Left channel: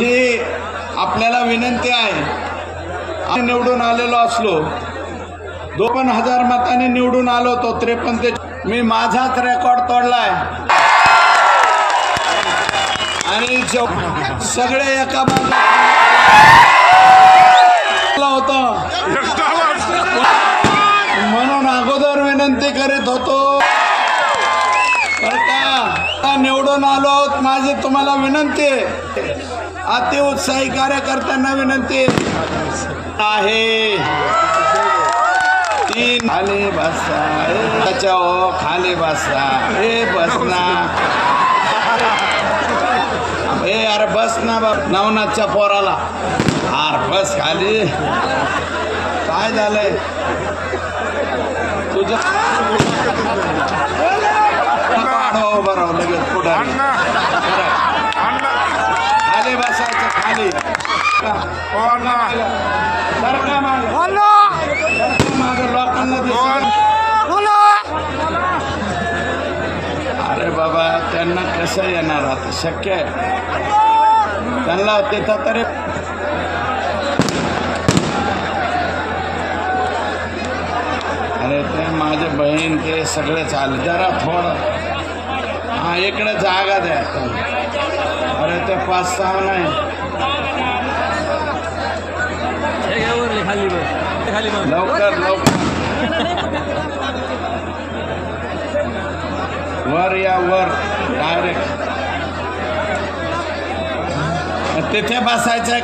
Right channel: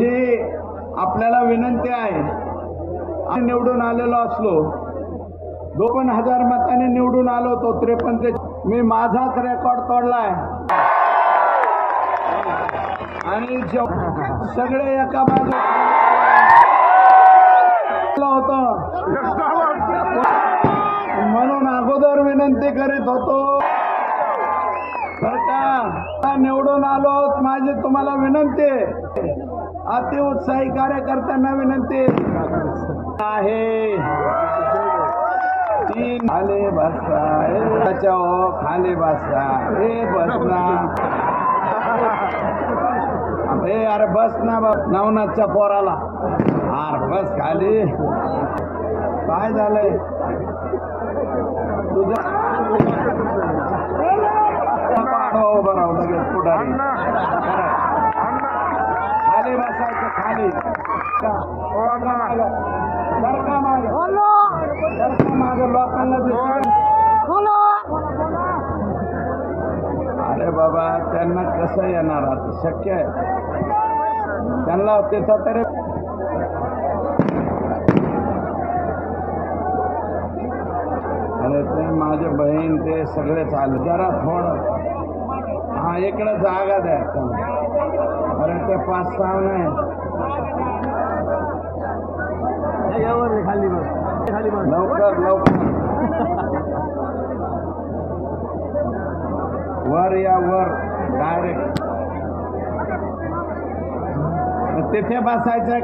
माझी आपल्याला विनंती आहे, निवडून आलेलो असलो 52,000 मतांनी निवडून आलो तो 53 ते मी माझाच रेकॉर्ड तोडलाय आणि सगळे एका होतं म्हणून अगोदर विनंती करीत होतो निवडून आलो। माझी तुम्हाला विनंती आहे, अति उत्साही कार्यकर्त्यांना विनंती आहे, 3 खाली बसा खाली बसा हे बसना हे अरे बस ना नवनाथच्या पोराला अरे बस खाली काय झालंय तुझं बरोबर पुढारी खाली बसायचं खाली अरे बाबा त्यांना कसं येणार आता शक्य आहे त्यांना तिथं तरी अरे ते माझे बहीण ते सगळे चालले जरा थोडं हा इकडे जागा द्या अरे ते 5-6 नाही लवकर लवकर वर या वर डायरेक्ट तिथे बसायचं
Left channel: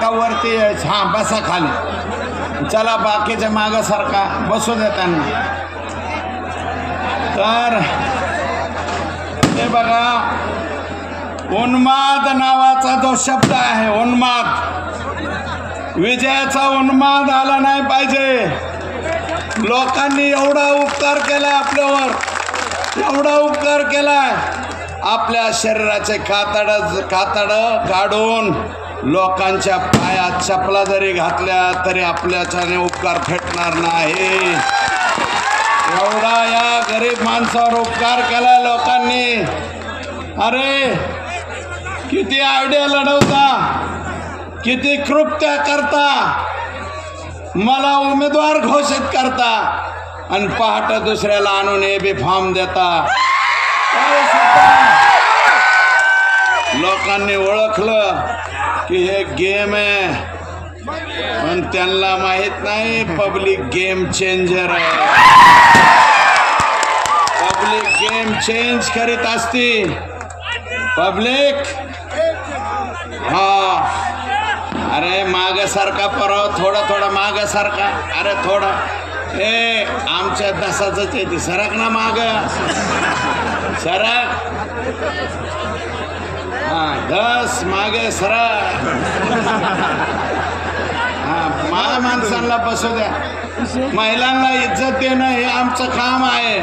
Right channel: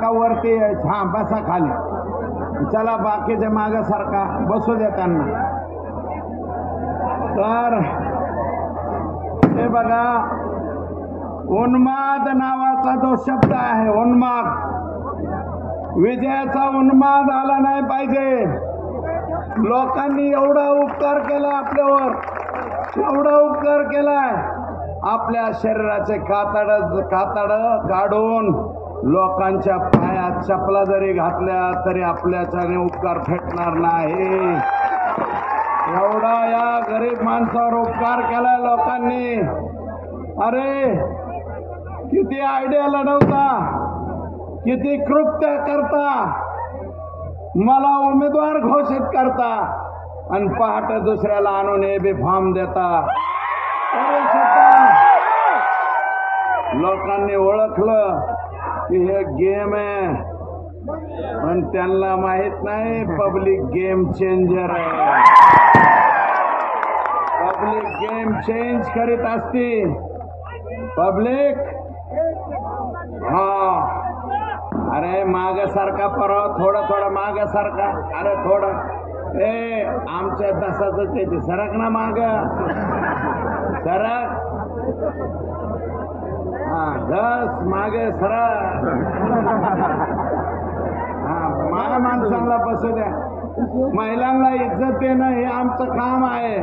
का वरती हा बसा खाली चला बाकीच्या मागं सारखा बसू दे त्यांना तर हे बघा उन्माद नावाचा जो शब्द आहे उन्माद विजयाचा उन्माद आला नाही पाहिजे। लोकांनी एवढा उपकार केलाय आपल्यावर एवढा उपकार केलाय आपल्या शरीराचे कातड काढून लोकांच्या पायात चपला जरी घातल्या तरी आपल्याच्याने उपकार फेटणार नाही। एवढा या गरीब माणसावर उपकार केलाय लोकांनी। अरे किती आयडिया लढवता किती कृत्य करता मला उमेदवार घोषित करता आणि पहाटे दुसऱ्याला आणून एबी फॉर्म देता। लोकांनी ओळखलं की हे गेम आहे पण त्यांना माहित नाही पब्लिक गेम चेंजर आहे। पब्लिक गेम चेंज करीत असती पब्लिक हा अरे मागे सारखा परवा थोडा मागे सारखा अरे थोडं ए आमच्या दसाच येते सरक ना माग सरक हा 10 मागे सरक हा माझ्या माणसांना बसू द्या महिलांना इज्जत देणं हे आमचं काम आहे।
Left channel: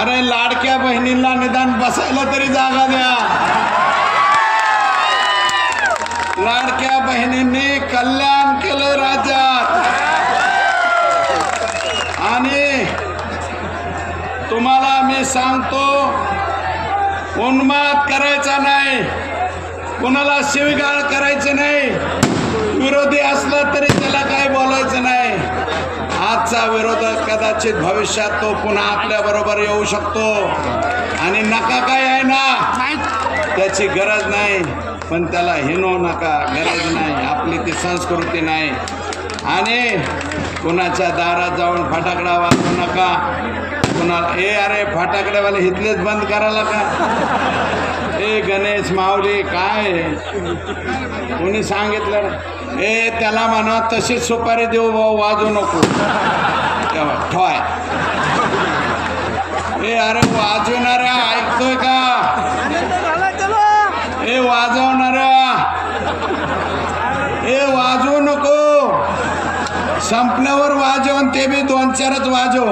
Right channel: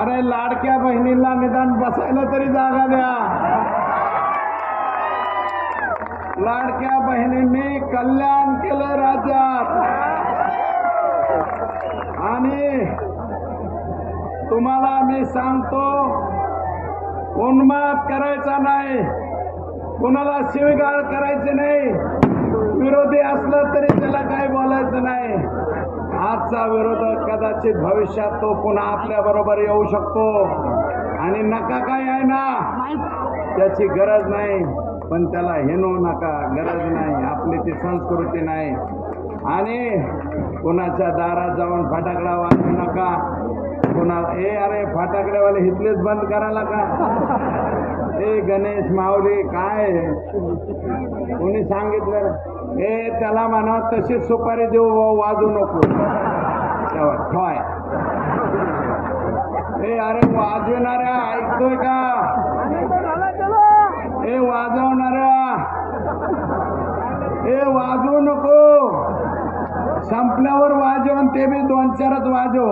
अरे लाडक्या बहिणींना निदान बसायला तरी जागा द्या। लाडक्या बहिणींनी कल्याण केलं राज्यात आणि तुम्हाला मी सांगतो उन्माद करायचा नाही कुणाला शिवीगाळ करायची नाही विरोधी असला तरी त्याला काही बोलायचं नाही। आजचा विरोधक कदाचित भविष्यात तो पुन्हा आपल्या बरोबर येऊ शकतो आणि नका काय आहे ना त्याची गरज नाही पण त्याला हिनवू नका गरज नाही आपली ती संस्कृती नाही आणि कुणाच्या दारात जाऊन फटाकडा वाजवू नका कुणाला ए अरे फटाकड्यावाले इथलेच बंद करायला का ए गणेश माऊली काय कोणी सांगितलं ए त्याला म्हणा तशीच सुपारी देऊ वाजवू नको ठोय ए अरे वाजवणाऱ्या ऐकतोय का ए वाजवणाऱ्या ए वाजवू नको संपल्यावर वाजवून ते बी 2-4च वाजव।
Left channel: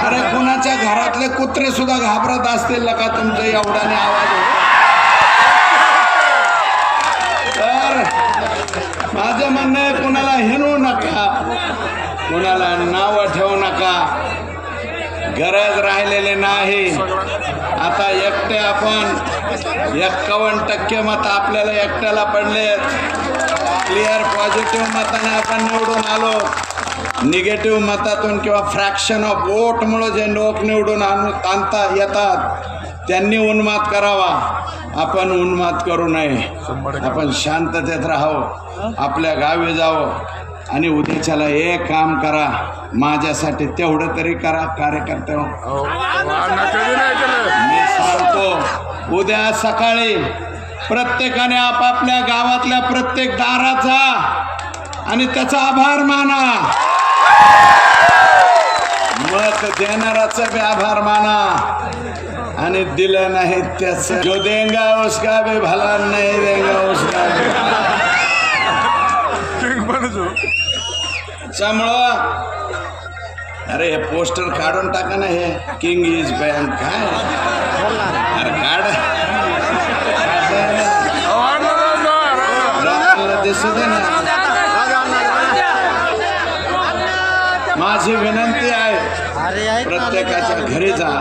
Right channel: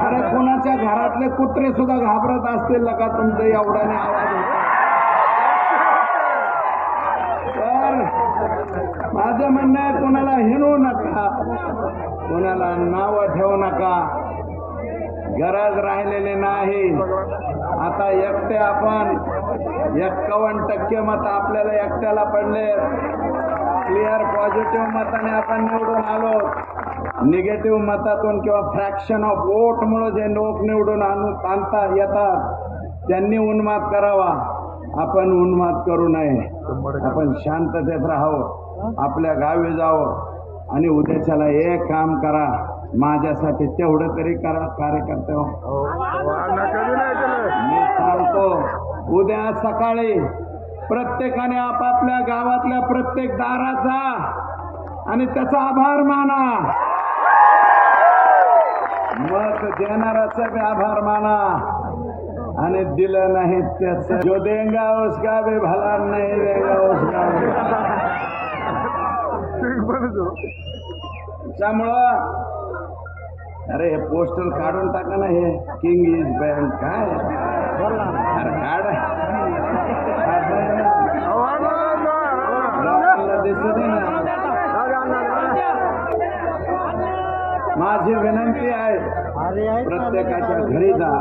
अरे कुणाच्या घरातले कुत्रे सुद्धा घाबरत असतील का तुमचं एवढ्याने आवाज तर माझं म्हणणं आहे कुणाला हिनवू नका कुणाला नाव ठेवू नका गरज राहिलेली नाही। आता एकटे आपण आलो, निगेटिव्ह मतातून किंवा फ्रॅक्शन ऑफ वोटमुळे जे लोक निवडून आणता येतात त्यांनी उन्माद करावा, आपण उन्माद करू नये. आपण शांततेत राहावं, आपल्या गावी जावं आणि उद्याच्याला एक काम करा, माझ्यासाठी तेवढं तरी करा कार्यकर्ते. मी सांगतो, उद्या सकाळी प्रत्येकाने आपापल्या गावातल्या प्रत्येक दाराचा आणि त्याचा आभार माना, मत देणाराचा बी आभार माना आणि दिलं नाही त्याचा जो देंगा उसका भी भला नाही देगा उसका. त्यामुळं अरे हे पोस्टर काढून टाका ना, हे किंग इज बॅन काय अरे काढ, दिसू दे ना. माझी विनंती आहे, प्रत्येकाच्या घरी जा,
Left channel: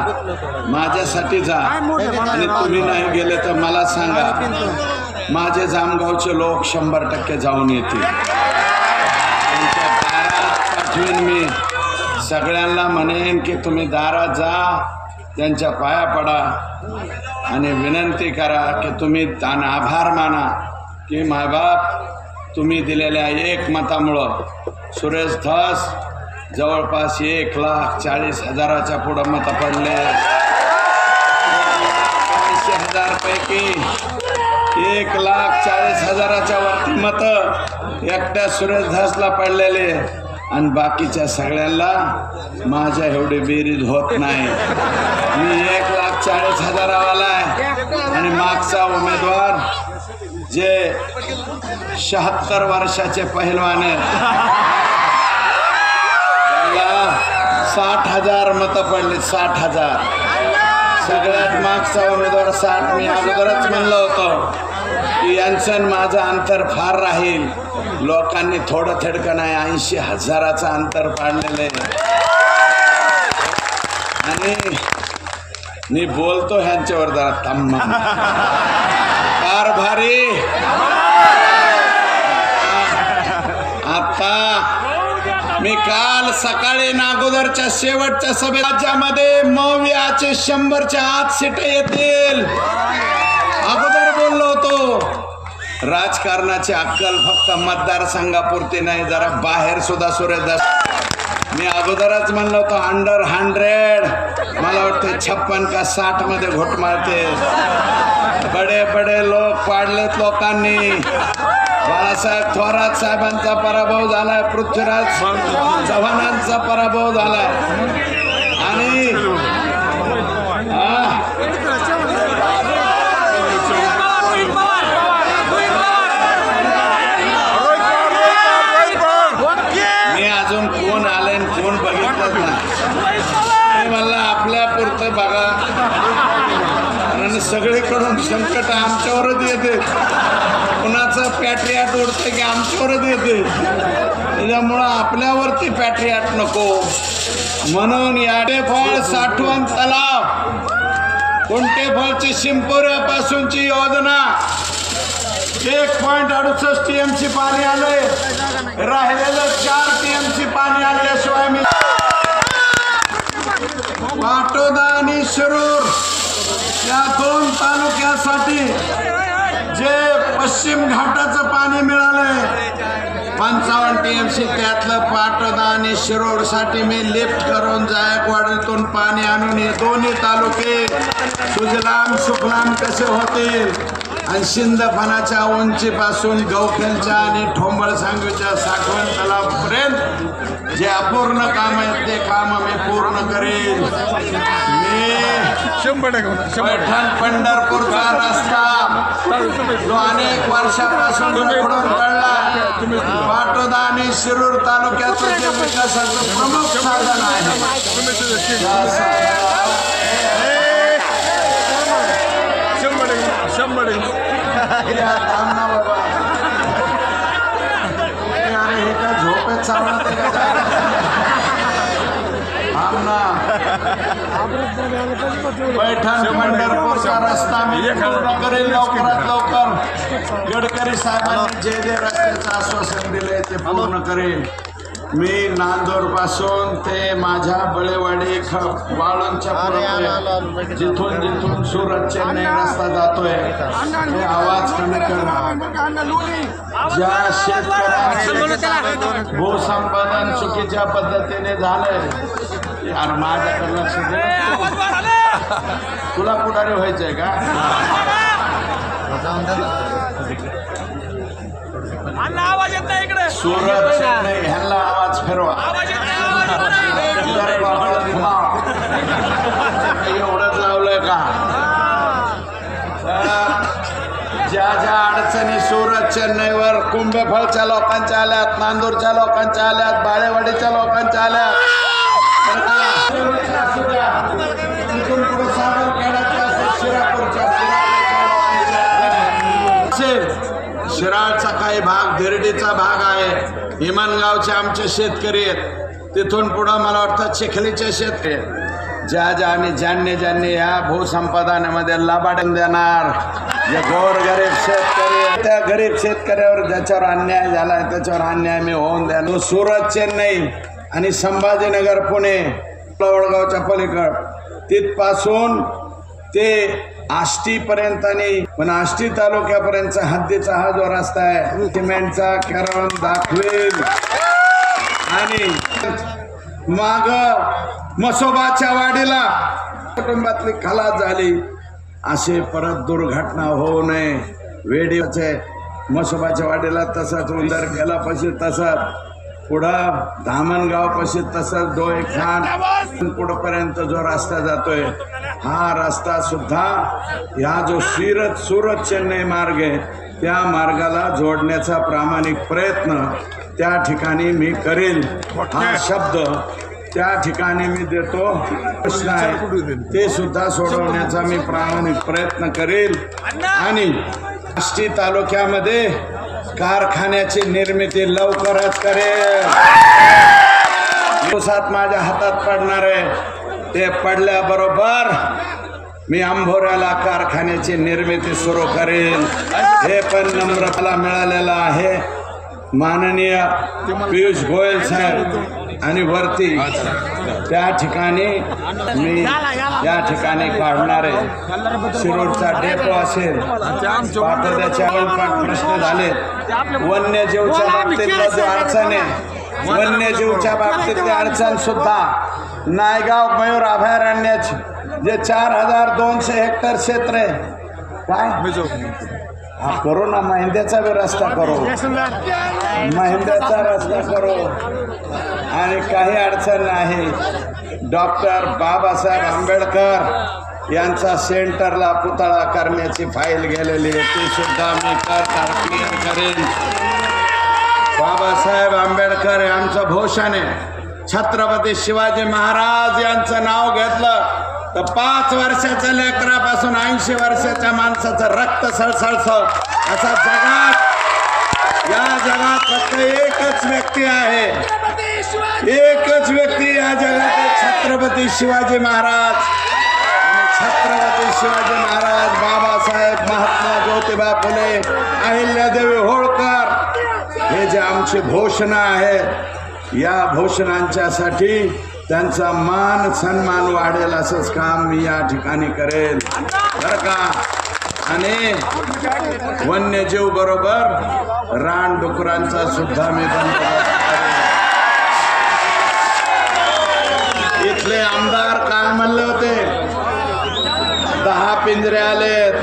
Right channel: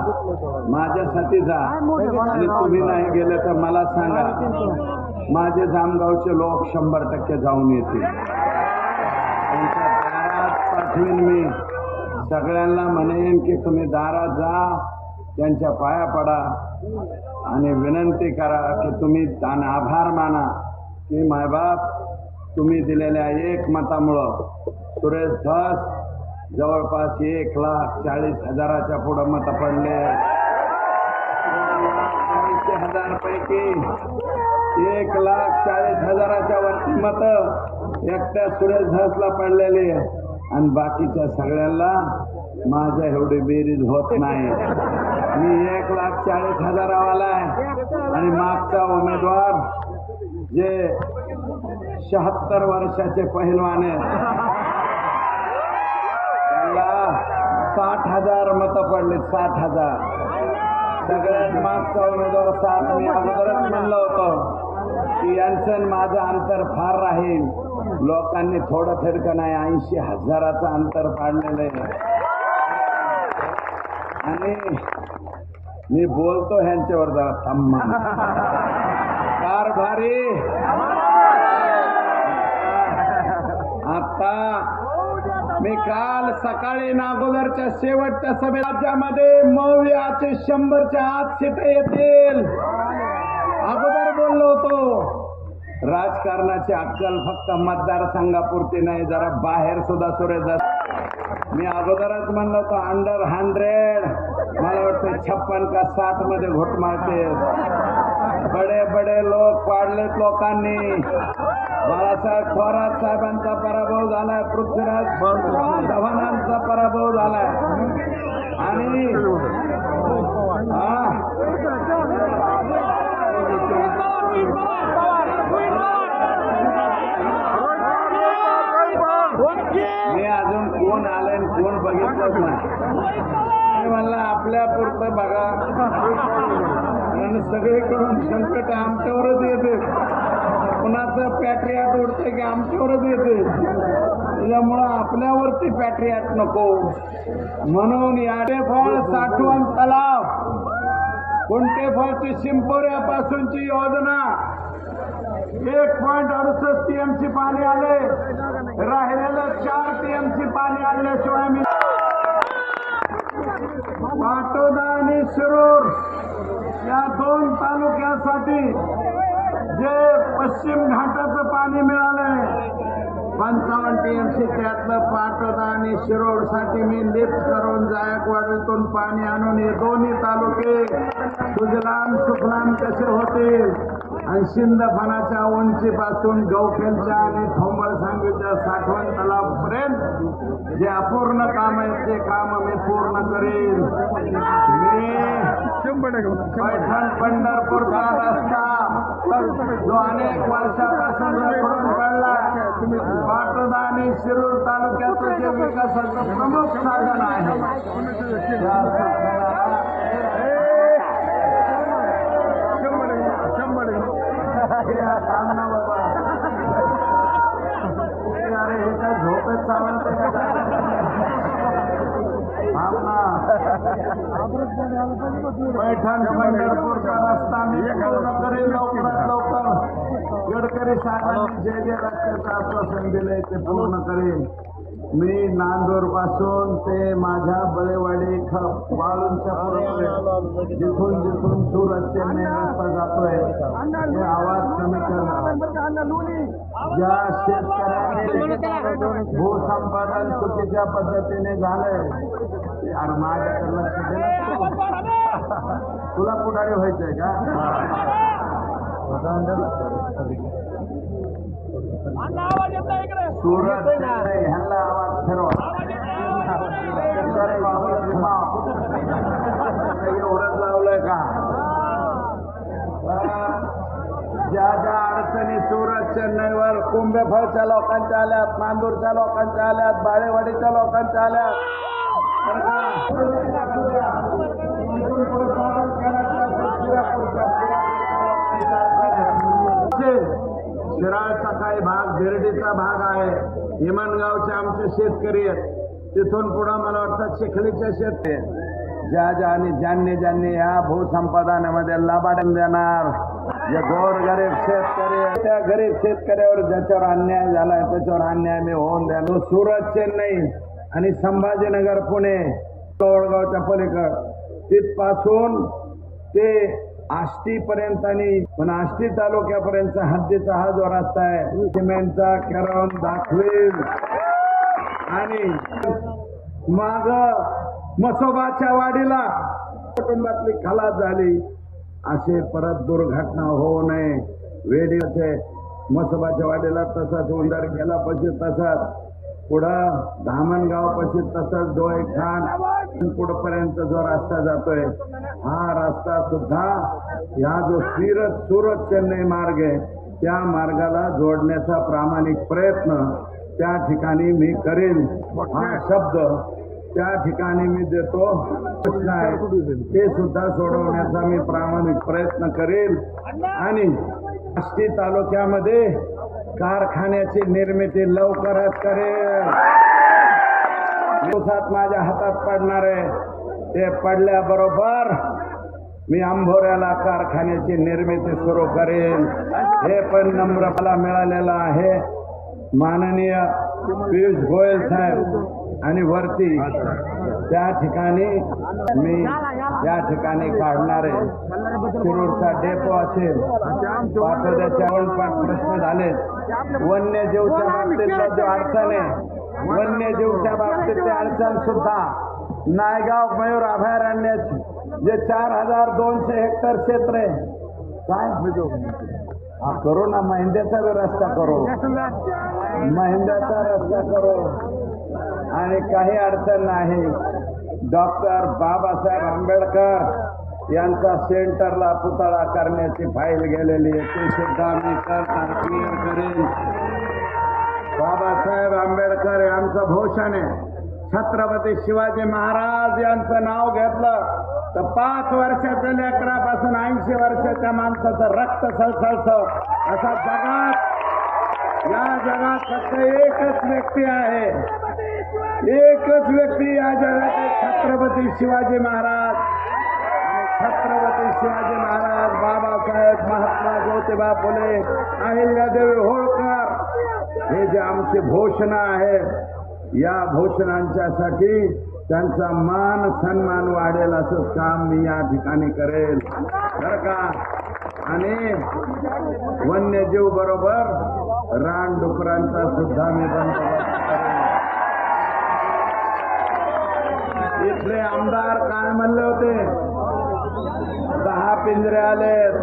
माझ्यासाठी जा आणि तुम्ही नाही गेले तर मला सांगा, माझे जामगावचे लोक 100% जाऊन येतील. त्यांच्या दारात पाठवीन मी, सगळ्यांना म्हणेन की तुम्ही दारात जा, त्यांच्या पाया पडा आणि विनंती करा की तुम्ही आणि आभार माना की मायबाप तुम्ही दिलेल्या 1 मतामुळं सुरेश धस जवळपास 1,40,000च्या पुढं मतं पडले. 80,000 पैकी 1,40,000च्या वरती मतं एकट्या सुरेश धसला पडलेले आणि बाकीच्या सगळ्यांना माझ्या एवढी बेरीज होत नाही. मी 1,40,000 वाला आहे आणि मागचा उमेदवार जे 76 वर्षाचे पहिलवान आहेत 60,000 मतं पडले. 60,000 सगळ्यात मागचा उमेदवार 60. मी अगोदरच म्हणलं होतं की यांचं माझं अंतर फार राहील. लोकांनी थोडं थेडकं नाही 80,000चं अंतर पाडलेलं आहे. आणि मी बोलतो ह्यांच्यावर जरा थांबा. कारभारी आता मी काल सकाळी नागोदरच्या शेवटच्या सभेत राज्यामध्ये मवियाचे 100च्या आत सीट येतील अगोदर बोललो होतो. राजकारणाची अक्कल फक्त मतदारसंघापुरती नाही, जरा बाहेर सुद्धा सुरेश. मी अगोदरच म्हणलो होतो अंडर 100, मला वाटतं 56 का 60 मध्ये घोट मारते. बडे बडे लोक पाडलेत लोकांनी. बाळासाहेब थोरात साहेबांचा पराभव झालाय, पृथ्वीराज चव्हाणांचा पराभव झालाय आणि मी अजून कोण आले कोण बघितलं नाही. मला आपल्या पुरतं बघा आणि सगळीकडून संकट आमच्यावरच येते. कुणाचं पॅट्रियाट उडते की आमच्यावरच येते. त्याच्यामुळं आपल्यावरती पॅट्रियाट नको म्हणून याडेफळ साठवण तलाव कुंटेफळची शिंपोऱ्यापासूनची योजना 1.68 TMC पाणी आले. राहिलेलं 4 TMC पाणी आणल्याशिवाय मी पाटोदा आणि शिरूर या 2 तालुक्यासाठी जे पश्चिम घाटाचं पाणी मिळालंय 55 TMC, त्यातलं पाटोदा आणि शिरूर साठी मी लिफ्ट करून जायकवाडीतून पाणी आणून हे दोन्ही तालुके सुजलाम सुफलाम कसे होतील आणि शिंदफणाच्या उंचीपासून गवखेलच्या आणि ठोंबळ सांगवीच्या साठवण तलावापर्यंत जे अपूर्ण काम आहेत ते काम मी पूर्ण करेन. पैठण पंढरपूरचा रस्ता जो अनेक वर्षापासून उघडून पडला, पाटोदा आणि शिरूर तालुक्याचं जे विकासाचं प्रमुख साधन आहे झोपेत पैठण पंढरपूरचा रस्ता मी पूर्ण करेल लवकरात लवकर. गडकरी साहेबांनी जे रस्त्याचं आश्वासन दिलंय ते पूर्ण करेल. मी नांदूर पासून ते माझ्या बळेवाडी वाळूंच्या पुढे जिथून जिथून सुरत चेन्नई रस्ता जातोय ते आवाज कमी करणं. ज्या शेतकऱ्यांचं भूसंपादन चुकीच्या पद्धतीने झालंय यार माझ्याकडे लक्ष दे. तुला पुढारी व्हायचंय का? सुरत चेन्नई ह्याला आवाज फिरवा. एवढंच लावलंय का? ज्या ज्या अडचणी सुरत चेन्नईवर कुंभेफळच्या लोकांच्या आल्यात, नांदूरच्या लोकांच्या आल्यात, बाळेवाडीच्या लोकांच्या आल्यात, शिराळचा काही भाग, धिरडीचा भाग आहे, इमानगावचे आमचे शेतकरी आहेत, तिथून पुढं मला वाटतं चिखलीचे शेतकरी. ज्या ज्यांनी या भूसंपादनामध्ये लबाड देणार, जे गोरगरीब शेतकरी, त्या गरीब शेतकऱ्यावर ज्याच्यावर अन्याय झालाय त्याच्यावर अन्याय मी होऊन द्या. सुरत चेन्नई आणि संभाजीनगर पुणे वडगावच्या पलीकड तिथपासून ते आष्टी पर्यंत आणि पण आष्टी तालुक्यापर्यंतचा हद्दीचा हा जो रस्ता आहे सिमेंटचा करून दाखवेल. आणि माग मसोबाच्या वाडीला कुटुंबातली खलास झाली, असे परत दुर्घटना होऊ नये. वेडीचे मसोबाच्या वाडीला तसाच, उंदरखेला पशी तसाच, पुढं धामणगाव पशी तसाच, डोळे खान पुढपर्यंत जो रस्ता जातोय हा रस्ता सुद्धा ह्या जो सुरत चेन्नई मार्ग आहे त्या मार्गाला जोडण्याचा प्रामाणिक प्रयत्न त्या ठिकाणी मी करेल. हा शब्द त्या ठिकाणी मी देतो. प्रश्न आहे ते सुद्धा सोडवण्याचा मी प्रामाणिक प्रयत्न करेल. आणि आष्टी तालुक्यामध्ये कारखान्याची निर्मिती लवकरच करेल. दिवसात माझ्या हातात पडणार आहे. ते पडल्याबरोबर मी आंभोऱ्याला कारखान्याची निर्मिती सुरू करेन. हे पण नम्रता मिळालेलं आहे माननीय पियुष गोयल साहेब आणि वरती त्या ठिकाणी मी या ठिकाणी काढणार आहे. शिरूरचा डेपो असेल, पाटोद्याचे प्रश्न झाले, वन्यजीवच्या बाबतीत अडचण आहे, वन्यजीवच्या बाबतीतली अडचण सुद्धा नायगाव मयूर अभयारण्याचे जे 4200 हेक्टर क्षेत्र आहे काय हा करू ना, महिंद्याचा बी रस्ता करू, महिंद्याचा रस्ता करू. आणि काही अडचण नाही. डॉक्टर बाबासाहेब आंबेडकर यांचा सेंटरला पुतळा करण्याची फाईल गेलेली आहे, ती सुद्धा मी करेन. बाबासाहेब आंबेडकर यांचं भूषण आहे. छत्रपती शिवाजी महाराज यांचं नाव घेतलं तर 5 वर्षाच्या लेकरापासून 80 वर्षाच्या माणसाचं रक्त सळसळतं. असं या जगात फक्त एकच व्यक्ती आहे, एकच व्यक्ती या जगात, छत्रपती शिवाजी महाराज. छत्रपती शिवाजी महाराज, बाबासाहेब, महात्मा ज्योतिबा फुले, अहिल्यादेवी होळकर हे जे आमची घोषणा आहेत, या घोषणांच्यासाठी त्यांचा मान सन्मान वाढेल असंच काम मी या ठिकाणी करेल बरं का. आणि वन्यजीव बरोबर रानडुकरांचा सुद्धा मी इथले आमदार काय म्हणले होते, 10 पिंजरे आलेत,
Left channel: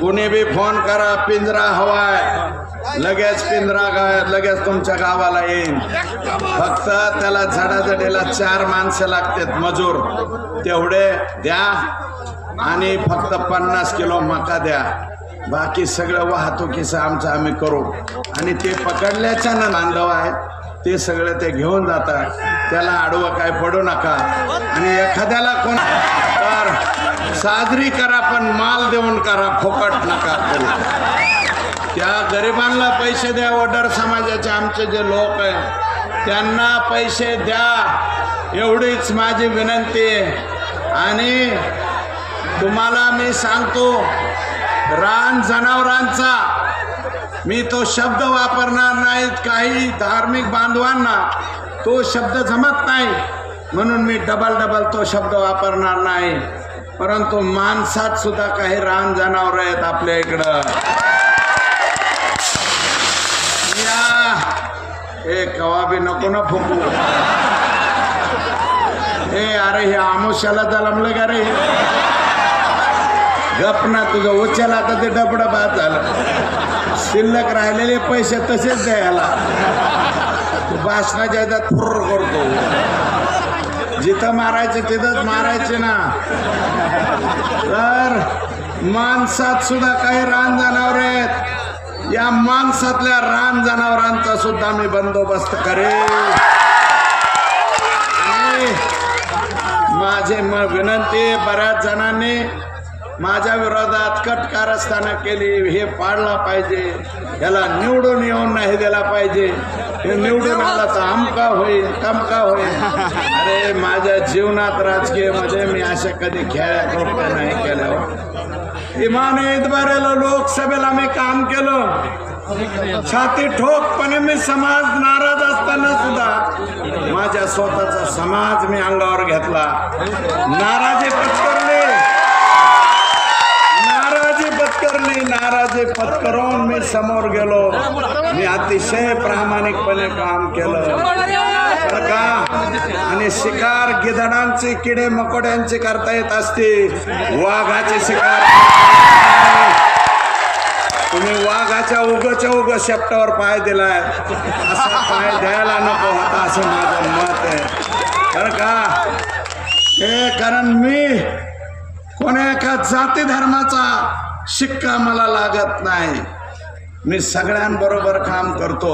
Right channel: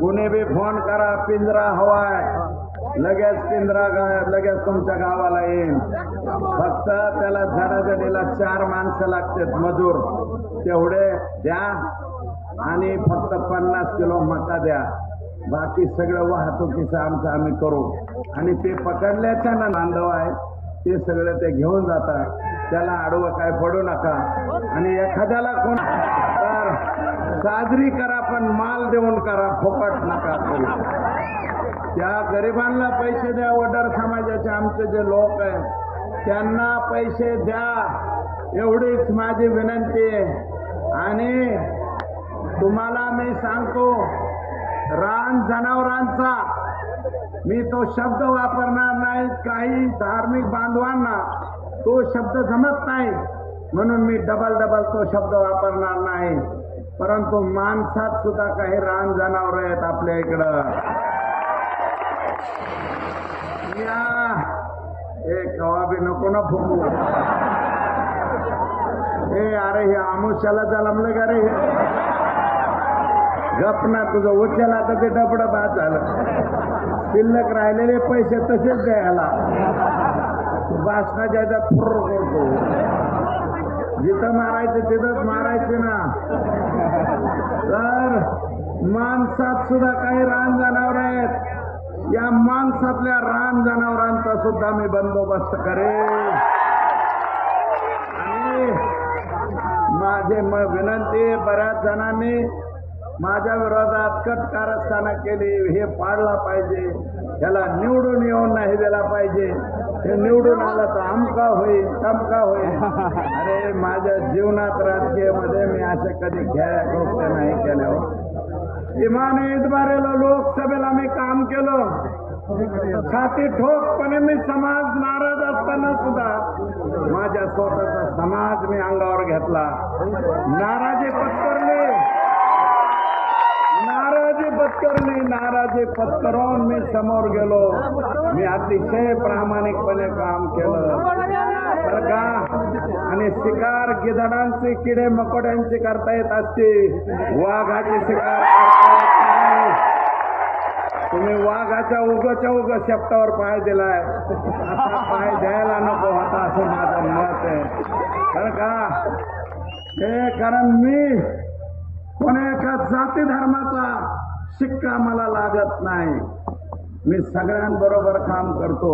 कुणी बी फोन करा पिंजरा हवाय, लगेच पिंजरा लगेच तुमच्या गावाला येईल. फक्त त्याला झाडाझडीला 4 माणसं लागतात मजूर, तेवढे द्या आणि फक्त 50 किलो मका द्या, बाकी सगळं वाहतुकीचं आमचं आम्ही करू. आणि ते पकडल्याच्या ना बांधव आहे ते सगळं ते घेऊन जातात, त्याला आडवं काय पडू नका. आणि एखाद्याला कोण तर साजरी करा पण माल देऊन करा, फुकट नका. त्या गरिबांना पैसे द्या, वडर समाजाचे आमचे जे लोक आहेत त्यांना पैसे द्या, एवढीच माझी विनंती आहे. आणि तुम्हाला मी सांगतो, रान जनावरांचा मी तो शब्द वापरणार नाहीत. काही धार्मिक बांधवांना तो शब्द जमत नाही म्हणून मी डबल तो शब्द वापरणार नाही. परंतु माणसात सुद्धा काही रान जनावर आहेत आपल्या इकडं. या हे कवा बी नको ना फुकू. हे अरे हे आमुष्याला जलमलं का रे? गप ना, तुझं उचला तर ते डबड बाद झालं. शिल्लक राहिलेले पैसे तसेच द्यायला भाषणाच्या ह्याच्यात फुर्र करतो. जिथं मारायचे तिथंच मारायचे ना. तर माणसात सुद्धा काही रान जनावर आहेत. या माणसातल्या रान जनावरांचा सुद्धा मी बंदोबस्त करेन. माझे विनंती, बऱ्याच जणांनी माझ्या विरोधात कट कारस्थानं केली. हे पाळला पाहिजे, याला निवडून येऊन नाही दिला पाहिजे. हे निवडून आला तर आमका होईल तमका होईल. अरे माझ्या जीवनात राजकीयमध्ये मी अशा कधी कृत्य नाही केलं. इमाने इतबारेला लोकसभेला मी काम केलं. छाती ठोकपणे मी समाज नाराज असताना सुद्धा माझ्या स्वतःचा समाज मी अंगावर घेतला. नाराजी पत्करून मी समोर गेलो. मी अतिशय प्रामाणिकपणे काम केलं आणि शिकार गिधाडांची, किडे मकोड्यांची करता येत असते, वाघाचे शिकार तुम्ही वाघाच्या उग शेपटावर पाय दिलाय, असा पाय द्यायला नको होता असं माझं मत आहे. कारण मी कोणा एका जाती धर्माचा शिक्का मला लागत नाही. मी सगळ्यांबरोबर काम करतो.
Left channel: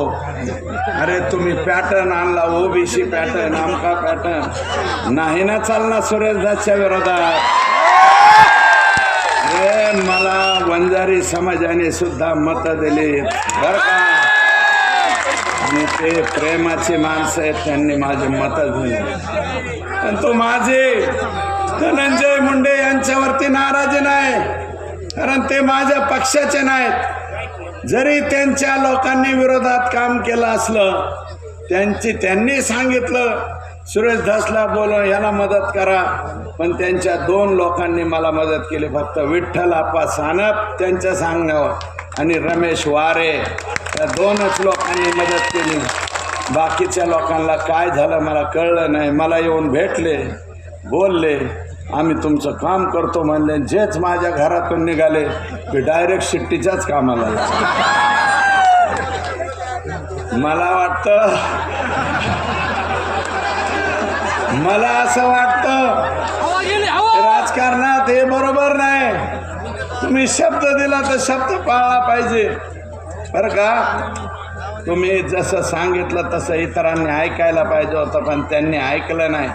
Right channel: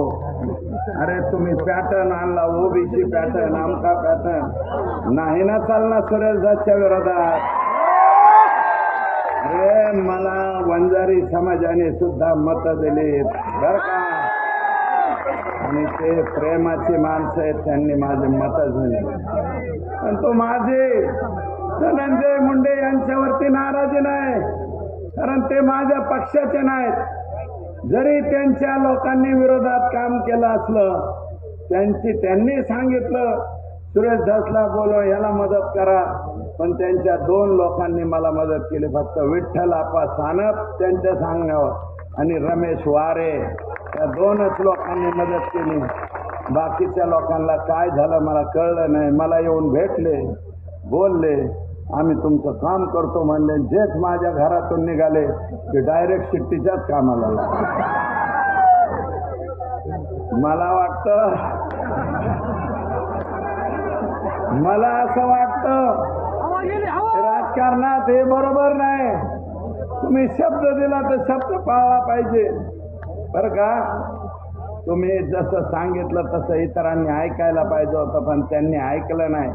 अरे तुम्ही पॅटर्न आणला, ओबीसी पॅटर्न, आमका पॅटर्न नाही ना चालला सुरेश दासच्या विरोधात. मला वंजारी समाजाने सुद्धा मत दिली. आणि ते प्रेमाची माणसं आहेत, त्यांनी माझे मत दिले. पण तो माझे धनंजय मुंडे यांच्यावरती नाराजी नाही, कारण ते माझ्या पक्षाचे नाहीत. जरी त्यांच्या लोकांनी विरोधात काम केलं असलं, त्यांनी सांगितलं सुरेश धसला बोलो याला मदत करा, पण त्यांच्या 2 लोकांनी मला मदत केली. फक्त विठ्ठल आप्पा सानप त्यांच्या सांगण्यावर आणि रमेश वारे या 2च लोकांनी मदत केली. बाकीच्या लोकांना काय झालं मला कळलं नाही. मला येऊन भेटले, बोलले, आम्ही तुमचं काम करतो म्हणले. जेच माझ्या घरातून निघाले की डायरेक्ट शिट्टीच्याच कामाला. मला असं वाटतं राजकारणात हे बरोबर नाही. तुम्ही शब्द दिला तर शब्द पाळला पाहिजे बरं का. तुम्ही जसं सांगितलं तसं इतरांनी ऐकायला पाहिजे होतं, पण त्यांनी ऐकलं नाही.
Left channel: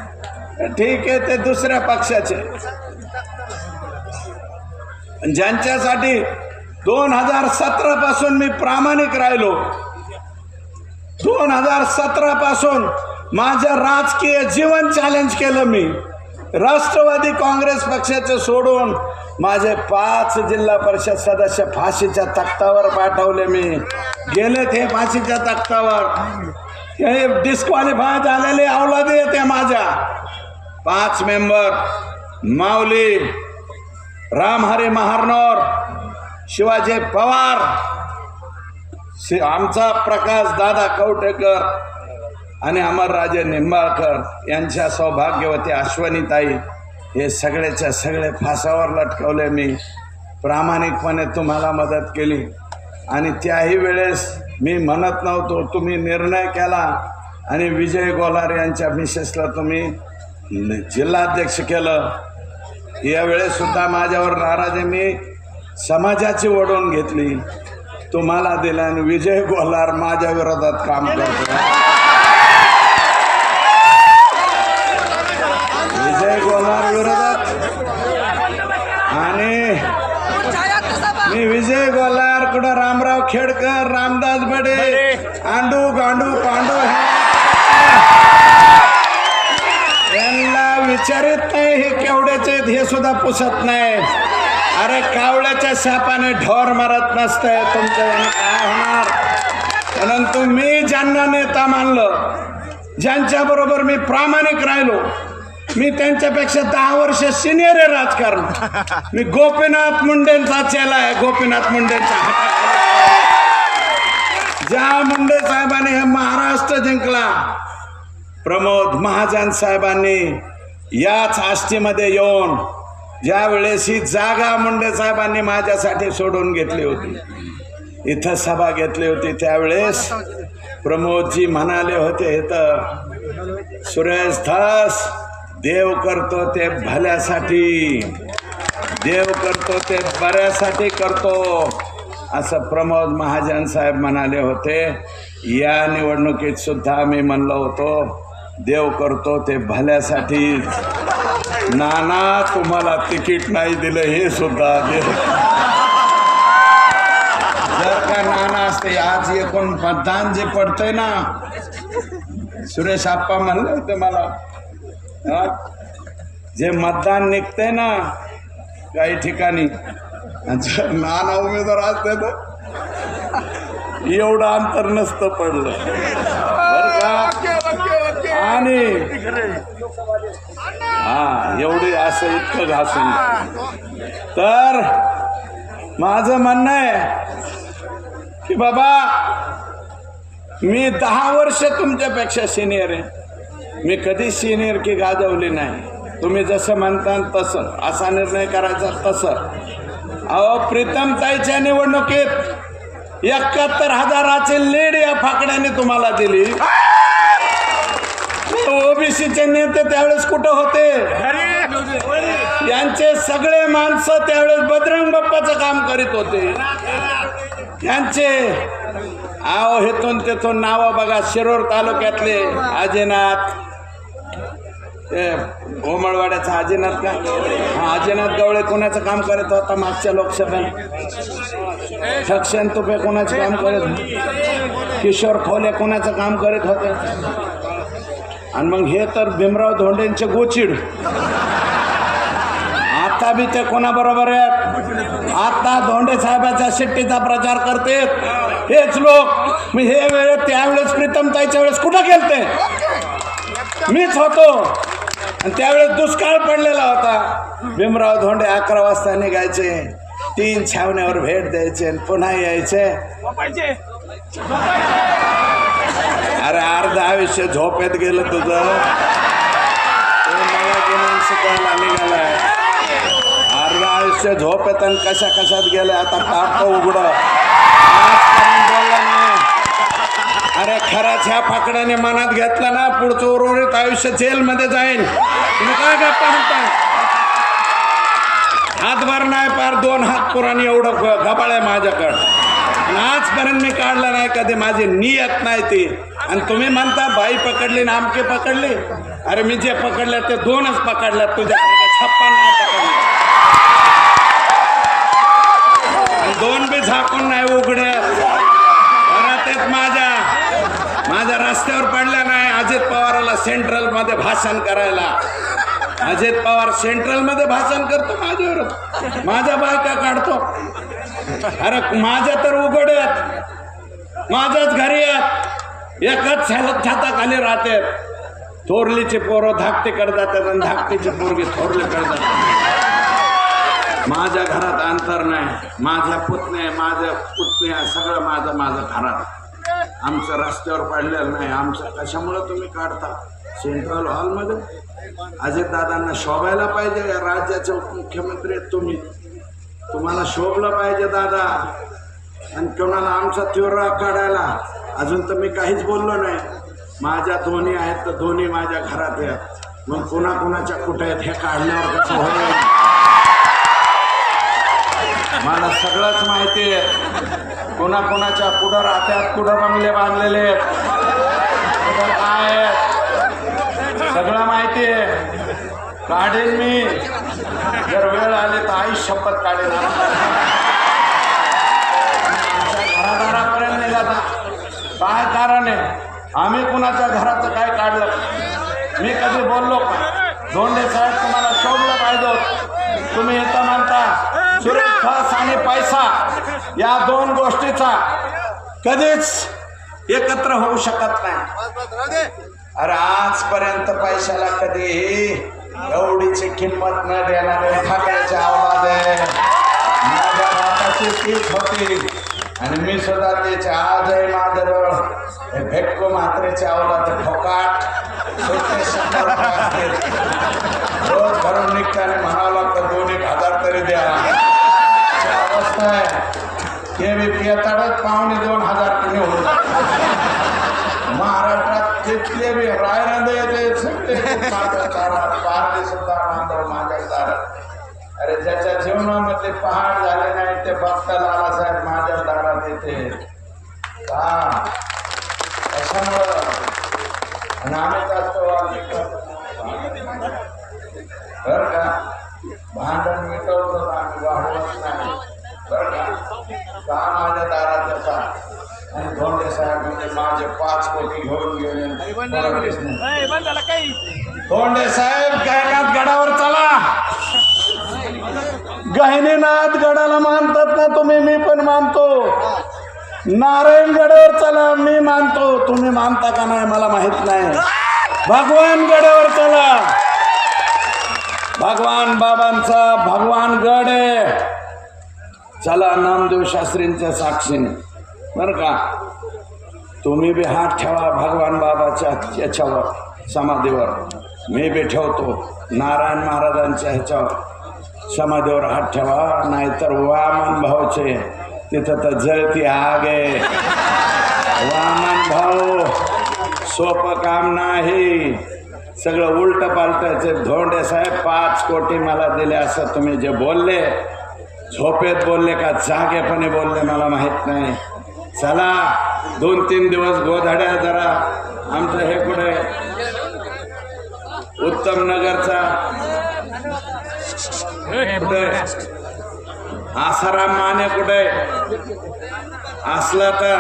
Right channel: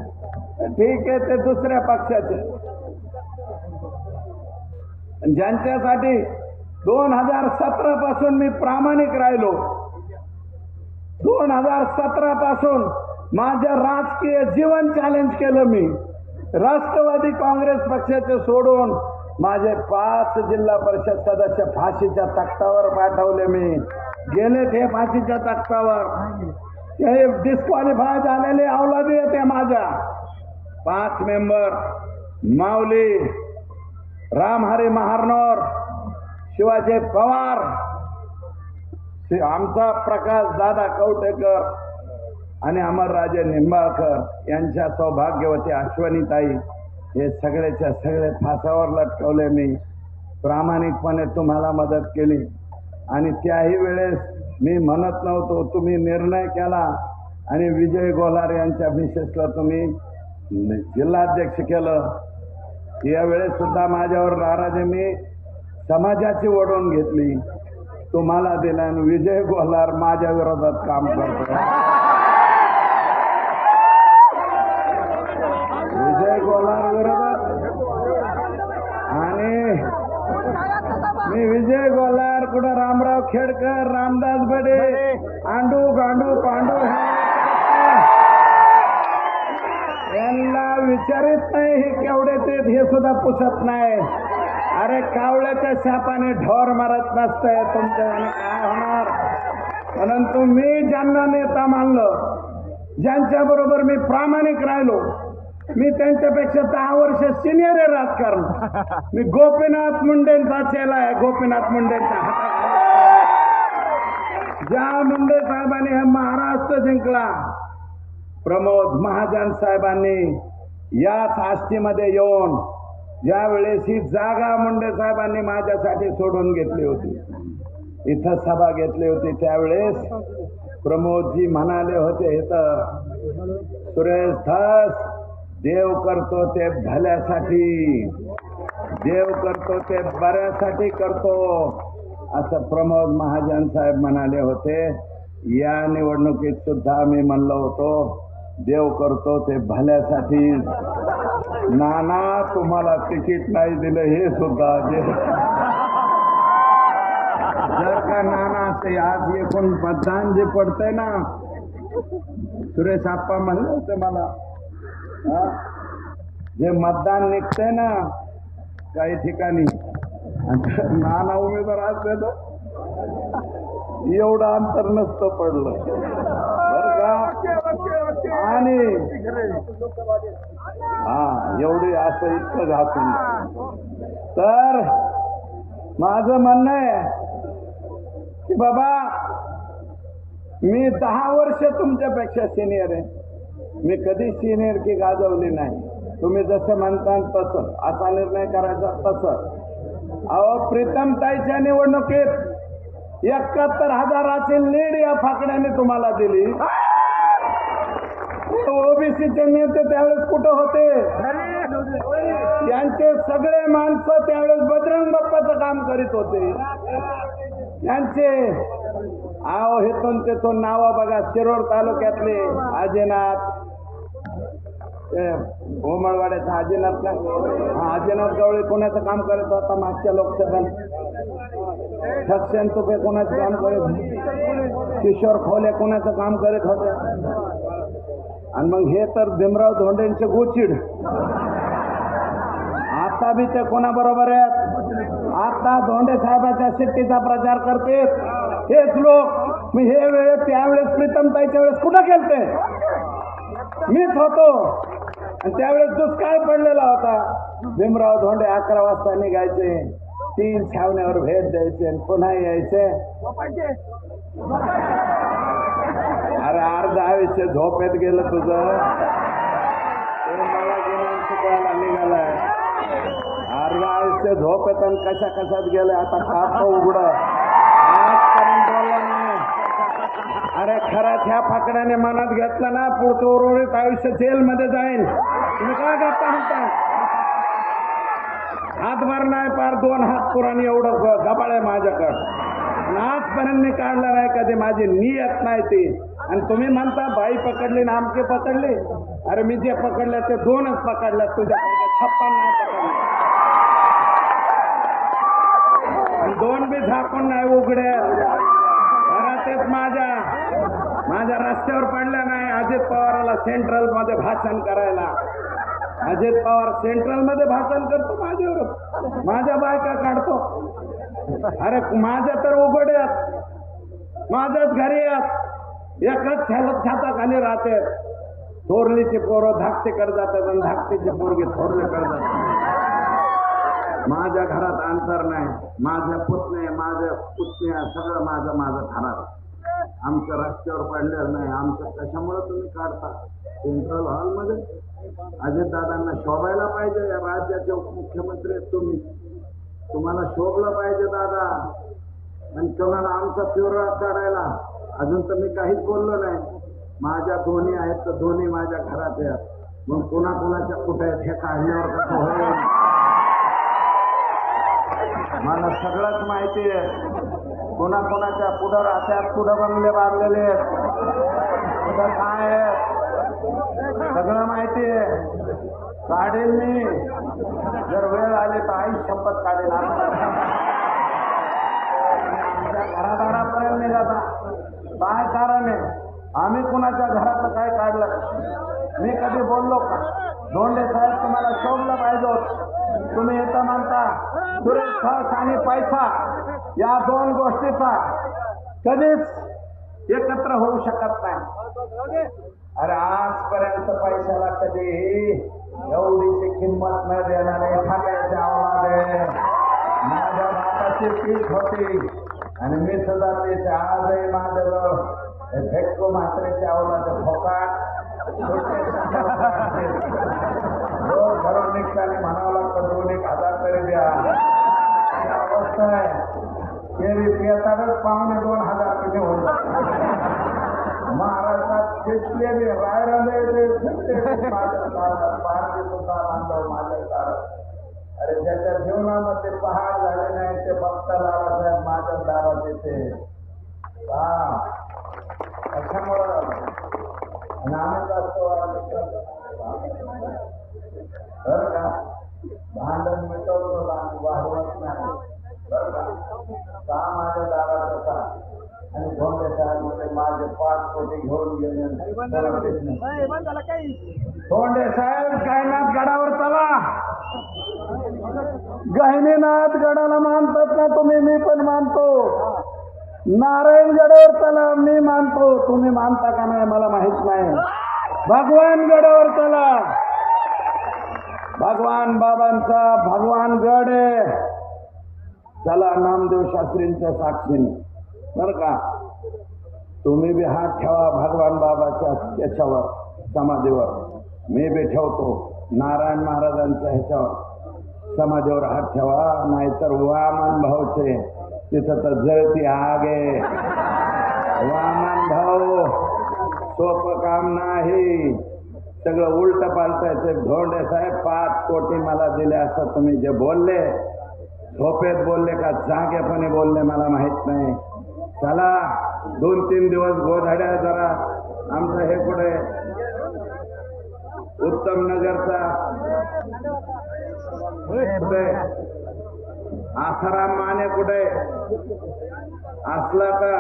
ठीक आहे, ते दुसऱ्या पक्षाचे, ज्यांच्यासाठी 2017 पासून मी प्रामाणिक राहिलो. 2017 पासून माझं राजकीय जीवन चॅलेंज केलं मी. राष्ट्रवादी काँग्रेस पक्षाचे सोडून माझे 5 जिल्हा परिषद सदस्य फाशीच्या तख्तावर पाठवले. मी गेले ते फाशीच्या तख्तावर. हे डिस्क्वालिफाय झालेले औलादे येते माझ्या. 5 मेंबर माऊली, रामहरी महारनोर, शिवाजी पवार, आमचा प्रकाश दादा कवटेकर आणि अमरराजे निंबाळकर यांच्या सौभाग्यवती अश्वनीताई, हे सगळेच्या सगळे फासावर लटकवले. मी प्रामाणिकपणे तुम्हाला मदत केली आणि त्याही वेळेस मी म्हणत नव्हतो. तुम्ही निर्णय केला आणि विजय गोलार यांच्या मिसेसला तुम्ही जिल्हाध्यक्ष केलं. यावेळेस सुद्धा माझ्यावर नाराजी मी समाजाची ओढून घेतली, तुम्हाला दिला आणि विजय गोलार माझ्या विरोधात काम करतो. विजय गोलार विरोधात आणि मी विजय गोलार कुठं रामराव खेडकर, रामदास बडे, आंडू गांडू पांडू विचारित नाही. हे केवढ्याचे हे सुद्धा पुसत नाही. अरे कावळ्याच्या सापाने ढोर मारत नसतंय. तुमचं काय होणार? ज्यांच्या बरोबर मी प्रामाणिक राहिलो, मी त्यांच्यापेक्षा 10 वर्ष सिनियर आहे राजकारण. मी गोपीनाथ मुंडेंचा चेला आहे. गोपीनाथ मुंडेंचा, ज्या मुंडे साहेबांनी हे महाराष्ट्र जिंकला, प्रमोद महाजन साहेबांनी याच आष्टीमध्ये येऊन ज्या वेळेस ही जागा मुंडे साहेबांनी माझ्यासाठी सोडून घेतली होती, इथं सभा घेतली होती, त्यावेळेस प्रमोदजी म्हणाले होते, इथं सुरेश धस देव करतो ते भल्यासाठी, देव करतो ते बऱ्यासाठी करतो, असं प्रमोद महाजन साहेब म्हणाले होते. या निवडणुकीत सुद्धा मी म्हणलो होतो, देव करतो ते भल्यासाठी. नाना तुम्हाला तिकीट नाही दिलं हे सुद्धा देव. नाना असते आज एकूण मतदान जे पडतंय ना, सुरेश आप्पा म्हणले होते मला, जे मतदान निघतंय ना काही ठिकाणी, नाना उमेदवार असते ना एवढं अंतर नसतं पडलं. आणि हा एवढे असं इतकं घासून. तर माझं म्हणणं आहे की बाबा, मी 10 वर्ष तुमच्यापेक्षा सिनियर आहे. मी कधी सिनियर की गाजवली नाही. तुम्ही जसं म्हणता तसं, असा निर्णय करायचा तसं. अहो प्रीतमताईच्या निवडणुकीत 71,000ची लीड या फाकड्याने तुम्हाला दिली. ओबीसीचे नेते त्यावेळेस कुठं होते? यांचे सगळे माणसं त्यावेळेस बजरंग बाप्पाचं काम करीत होते. यांचे अहो हेतून तेथून नावं बघा. शिरोर तालुक्यातले आजीनाथ, ओमळवाड्याचा आजीनाथ का, आजीनाथ गवळे कोणाचं काम करत होता मागच्या लोकसभेत? सक्षम तुपे कोणाचं काम करत होते? किशोर खोले कोणाचं काम करत होते? आणि मग हे तर भीमराव धोंडेंचे गोचिड. आता बी ते कोणाबरोबर आहेत? आता धोंडे साहेबाच्या शिट्टीचा प्रचार करते हेच लोक. मी हे वेळ त्यावेळेस प्रीतमताईच्या वेळेस कुठं गेलते? मीच होतो. आणि त्यावेळेस दुष्काळ पडलेला होता. भीमराव धोंडे 11 वाजता निघायचे, 3 छावण्यावर भेट द्यायचे, पुन्हा यायचे. अरे अर्ध आयुष्य झोपेत गेलं तुझं. अर्ध आयुष्य झोपेत आणि कशा कशात गेले. आता टाक उघड. अरे खरंच ह्या फाकड्याने मनात घेतलं ना, पुढचं उर्वरित आयुष्य जेलमध्ये जाईल. तुम्ही काय गप्पा म्हणता? हातभर नाही, पार 2 हात पुराणी एवढं गबाळ आहे माझ्याकडं. आजपर्यंत मी काढलं नाही कधी. माझी नियत नाही ती. आणि तुम्ही म्हणता बाई पकडली ना आमके पकडली. अरे मी जे पकडले ते 2च पकडल्यात. तुझ्या 56 आणि 2 बी झाकून नाही उघड्या. तेच माझ्या रस्त्यावर पडल्या नाही. अजित पवाराला सेंट्रल मध्ये भाषण करायला. अजित पवार सेंट्रल मध्ये भाषण करतो माझ्यावर, माझ्या बायका काढतो. अरे माझ्या तर उघड आहेत, माझ्याच घरी आहेत, एकाच छताखाली राहते. थोरलीची पोरं धाकटीकडे जातात आणि धाकटीची पोरगी थोरलीकडे जातात. माझ्या घरात अंतर नाही. माझ्या पुतण्या सगळं माझं घरात. आमचं रस्त्यावर पडलेलं नाही. आमचं कशामुळं तुम्ही काढता सेंट्रल हॉलमध्ये? अजितदादांना शोभायला पाहिजे. या राज्याचे मुख्यमंत्री आहेत तुम्ही, तुम्हाला शोभलं पाहिजे दादा. आणि कोणाला आमचा तीव्र काढायला अजून तर मी काहीच बोललो नाही. माझ्या दोन्ही आहेत तर दोन्ही माझ्या घरात आहेत. मग कुणाच्या कुठे आहेत हे काढल्यावर कसं होईल? मला सगळंच माहिती आहे. कुणाच्या पुढं राहतात, कुठं बंगले बांधलेले काय सगळं माहिती आहे. काढेल मी, जर वेळ आले तर आई शपथ काढेल. घरापर्यंत नाही जातात. काय कारण आहे? आम्ही कुणाच्या घराचं काय काढलं? मी कधी बोललो का? धोंडे साहेब तुम्हाला शोभलं पाहिजे. तुम्ही येतं म्हणता सुरेश धस आणि पैसा या 2 गोष्टीचा कधीच एकत्र होऊ शकत नाही. अरे आजपर्यंत पैशाला कधी एवढीची किंमत न देणारे ठाकरेचे आवाज आहे. माझ्या बापाची पीठ होती आणि मी सुद्धा त्याचे आजही माझ्याजवळ हे भेटको म्हात्रेचे आवलाचे ठोकाट रोज घरून निघताना म्हणावं लागतं 2,000 तरी द्या. अवस्था आहे ते बी पियाताडच 2,500 कमी होत. महाराष्ट्रात तिथले बी रायरंदे अरे ज्याच्या जीवनामध्ये पहाड झाले नाही ते बघता दादासाहेब माझ्या दारात येते. हा कशामुळं बरं का भांडण मिटवतो वाढवत नाही बरं का माझ्या दारात असा आणि धोंडे साहेब म्हणजे माझे 5 कोटी घेऊन गेले. धोंडे साहेब गायनाथ गडावर चला. गहिनीनाथ गडाला मानतात ना तुम्ही, मी पण मानतो. नारायण गडावर चला, मी मानतो. तुम्ही मानता का नाही मला माहित नाही. भगवान गडावर चला. भगवान बाबांचा भगवान गड आहे. चला नामदेव शास्त्रींच्या साक्षीने बरं का. तुम्ही बी हात ठेवा भगवान बाबाच्या याच्यावर समाधीवर. मी बी ठेवतो नारायण महाराजांच्या ह्याच्यावर समाधीवर हात ठेवा. नाहीतर वामन भाऊचे तिथं तर जळती आग आहे. वामन भाऊ सोपं काम नाही. सगळं उलट पालटायचे. धोंडे साहेब 5 कोटी मला दिले असं तुम्ही जे बोलले, झोपेत बोलले का जागेपणे बोलले मला माहित नाही. चला 2-3 दिवस गोधड्या जरा आमचं हे कुठे उत्तम नगरचा कुठे आसाराम माने कुठे असला तर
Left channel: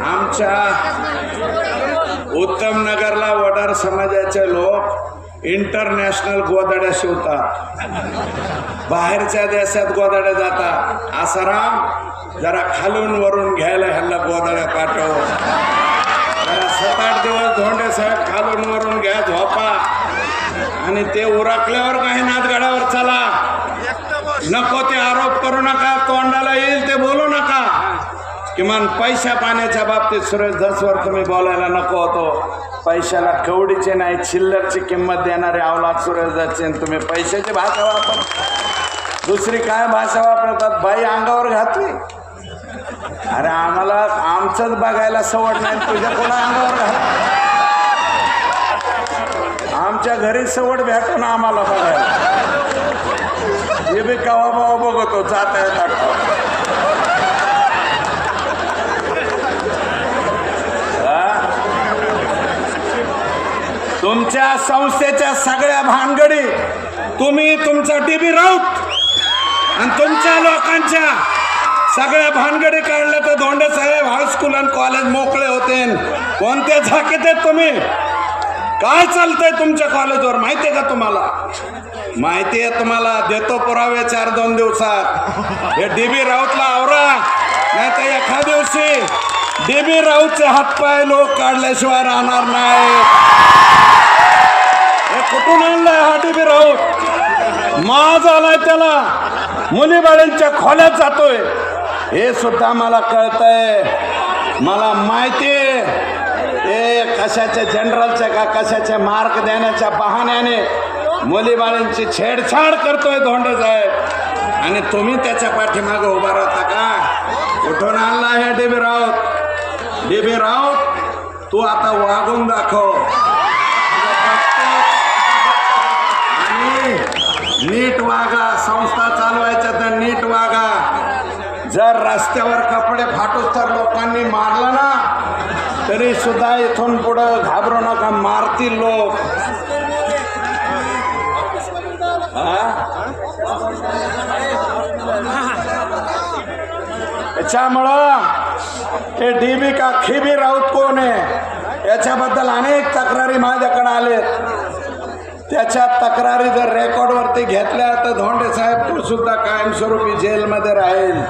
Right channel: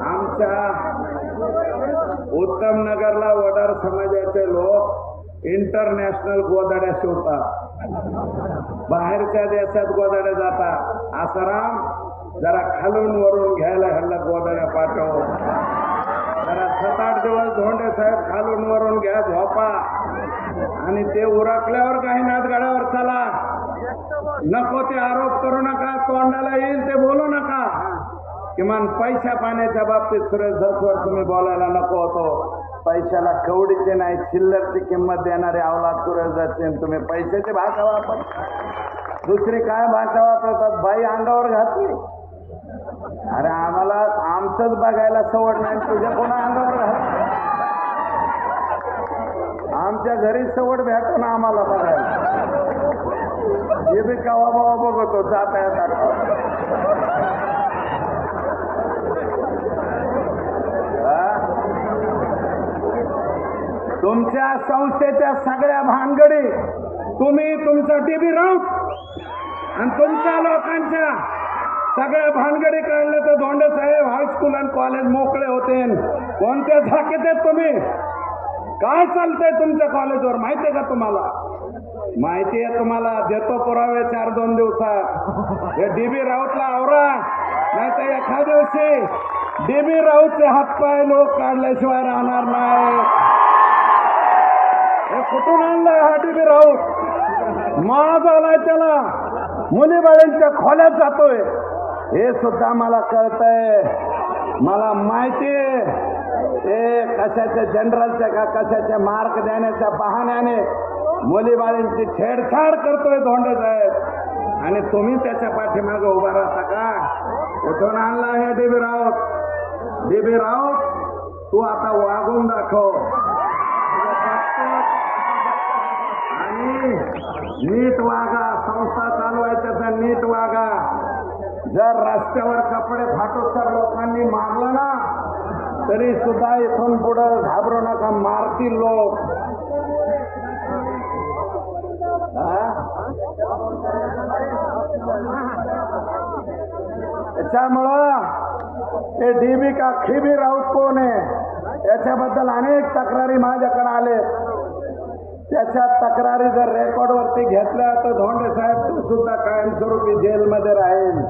आमच्या उत्तम नगरला वडार समाजाचे लोक इंटरनॅशनल गोधड्या शिवतात. बाहेरच्या देशात गोधड्या जातात. आसाराम जरा खालून वरून घ्यायला ह्याला गोधड्या पाठव. 7-8 दिवस धोंडे साहेब खालून वरून घ्या झोपा आणि ते उरकल्यावर काही नाथगडावर चला. नको ते आरोप करू नका. तोंडाला येईल ते बोलू नका. किमान पैशा पाण्याच्या बाबतीत सुरेश धसवर तुम्ही बोलायला नको होतो. पैशाला कवडीचे नाही चिल्लरची किंमत देणारे अवलाद सुरेश धसचे. तुम्ही पैशाची भाषा वापरता. दुसरी काय भाषा वापरतात? बाई अंगावर घातली. अरे आम्हाला आमचंच बघायला सवड नाही. तुझ्या पुन्हा अंगावर आमच्या घरी सवड भेटतो ना आम्हाला बघायला. हे बी कवा बाबा बघतो जाता तुमच्या संस्थेच्या सगळ्या भानगडी तुम्ही तुमचा डीबी राऊत आणि तुमच्या लोकांच्या सगळ्या भानगडी काढल्या तर धोंडे साहेब हायस्कूल आणि कॉलेज मोकळे होते. कोणत्या झाकीत आहेत तुम्ही? काय चालतंय तुमच्या कॉलेजवर माहितीये का तुम्हाला? माहितीये तुम्हाला. देतो पुरावे 4-2 दिवसात. हे डीबी राऊतला आवरा. नाही तर एका दिवशी डीबी राऊतचे हातपाय लोक काढल्याशिवाय राहणार नाही. हे कुठून आणलाय हा डीबी राऊत? माज आलाय त्याला. मुलीबाळींच्या खोल्यात जातोय हे सुद्धा मला कळतंय. मला माहितीये हे कशाचे जनरलचे का कशाचे मार्क देण्याच्या बहाण्याने मुलीबाळींची छेडछाड करतोय धोंडे साहेब. आणि तुम्ही त्याच्या पाठीमागे उभा राहता का? कुठून आणला हे डीबी राऊत? डीबी राऊत तू आता वागून दाखव आणि नीट वागा. संस्था चालवायच्या तर नीट वागा. जर रस्त्यावर कपडे फाटूस तर लोकांनी मारलं ना तरी सुद्धा इथून पुढं घाबरू नका. मारतील लोक. त्याच्यामुळं हे डीबी का खिबी राऊत कोण आहे याच्याबद्दल अनेक तक्रारी माझ्याकडे आले. त्याच्या तक्रारी जर रेकॉर्डवरती घेतल्या तर धोंडे साहेब सुद्धा कायमस्वरूपी जेलमध्ये राहील.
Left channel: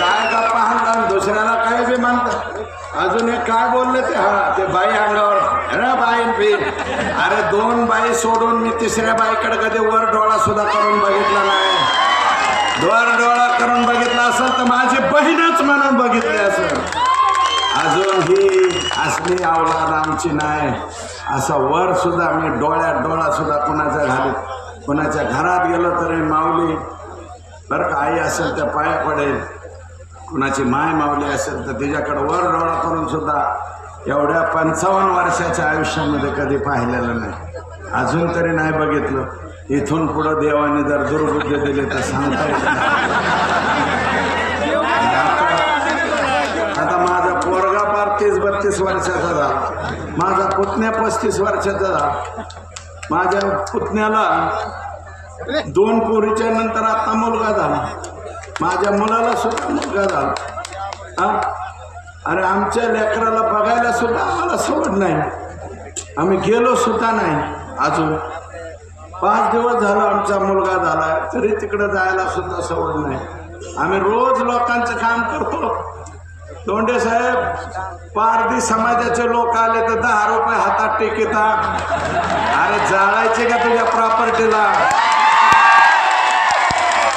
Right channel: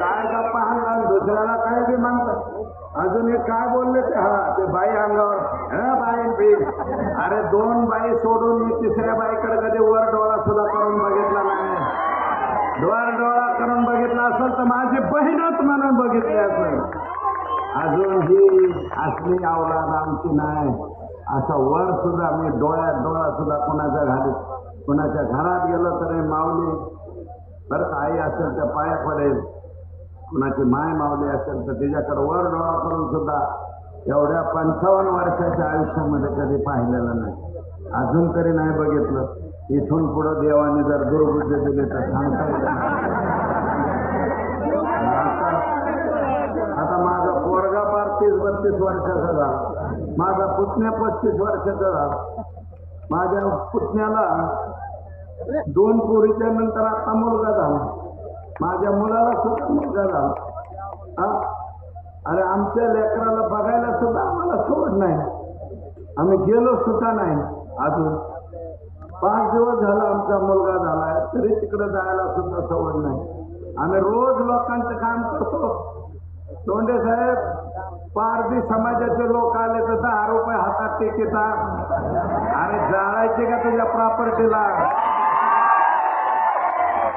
काय गप्पा हाणला दुसऱ्याला काय बी म्हणतात. अजून हे काय बोलले ते? हा सोडून मी तिसऱ्या बाईकडे कधी वर डोळा सुद्धा करून बघितला नाही. वर डोळा करून बघितला असेल तर माझी बहीणच म्हणून बघितली असेल. अजून ही असली अवलाद आमची नाही. असं वर सुद्धा मी डोळ्यात डोळा सुद्धा कोणाच्या घरात गेलो तरी माऊली बरं का, आई असेल तर पाया पडेल, कुणाची माय माऊली असेल तर तिच्याकडे वर डोळा करून सुद्धा एवढ्या 55 वर्षाच्या आयुष्यामध्ये कधी पाहिलेलं नाही. अजून तरी नाही बघितलं. इथून पुढं देवाने जर दुर्बुद्धी दिली तर सांगता येत नाही. आता माझा पोरगा पार 30-32 वर्षाचा झाला, माझा पुतण्या 35 वर्षाचा झाला. माझ्या पुतण्याला 2 पोरीच्या नंतर आता मुलगा झाला. माझ्या मुलाला सुद्धा मुलगा झाला. अरे आमच्या लेकराला बघायला सुद्धा आम्हाला सवड नाही. आम्ही गेलो सुद्धा नाही. अजून 5 दिवस झाला आमचा मुलगा झाला तरी तिकडे जायला सुद्धा सवड नाही. आम्ही रोज लोकांचं काम करतो. दोंडे साहेब, पारधी समाजाचे लोक आले तर 10 रुपये हातात टेकितात. अरे जाळायचे का तुझ्या प्रॉपर्टीला?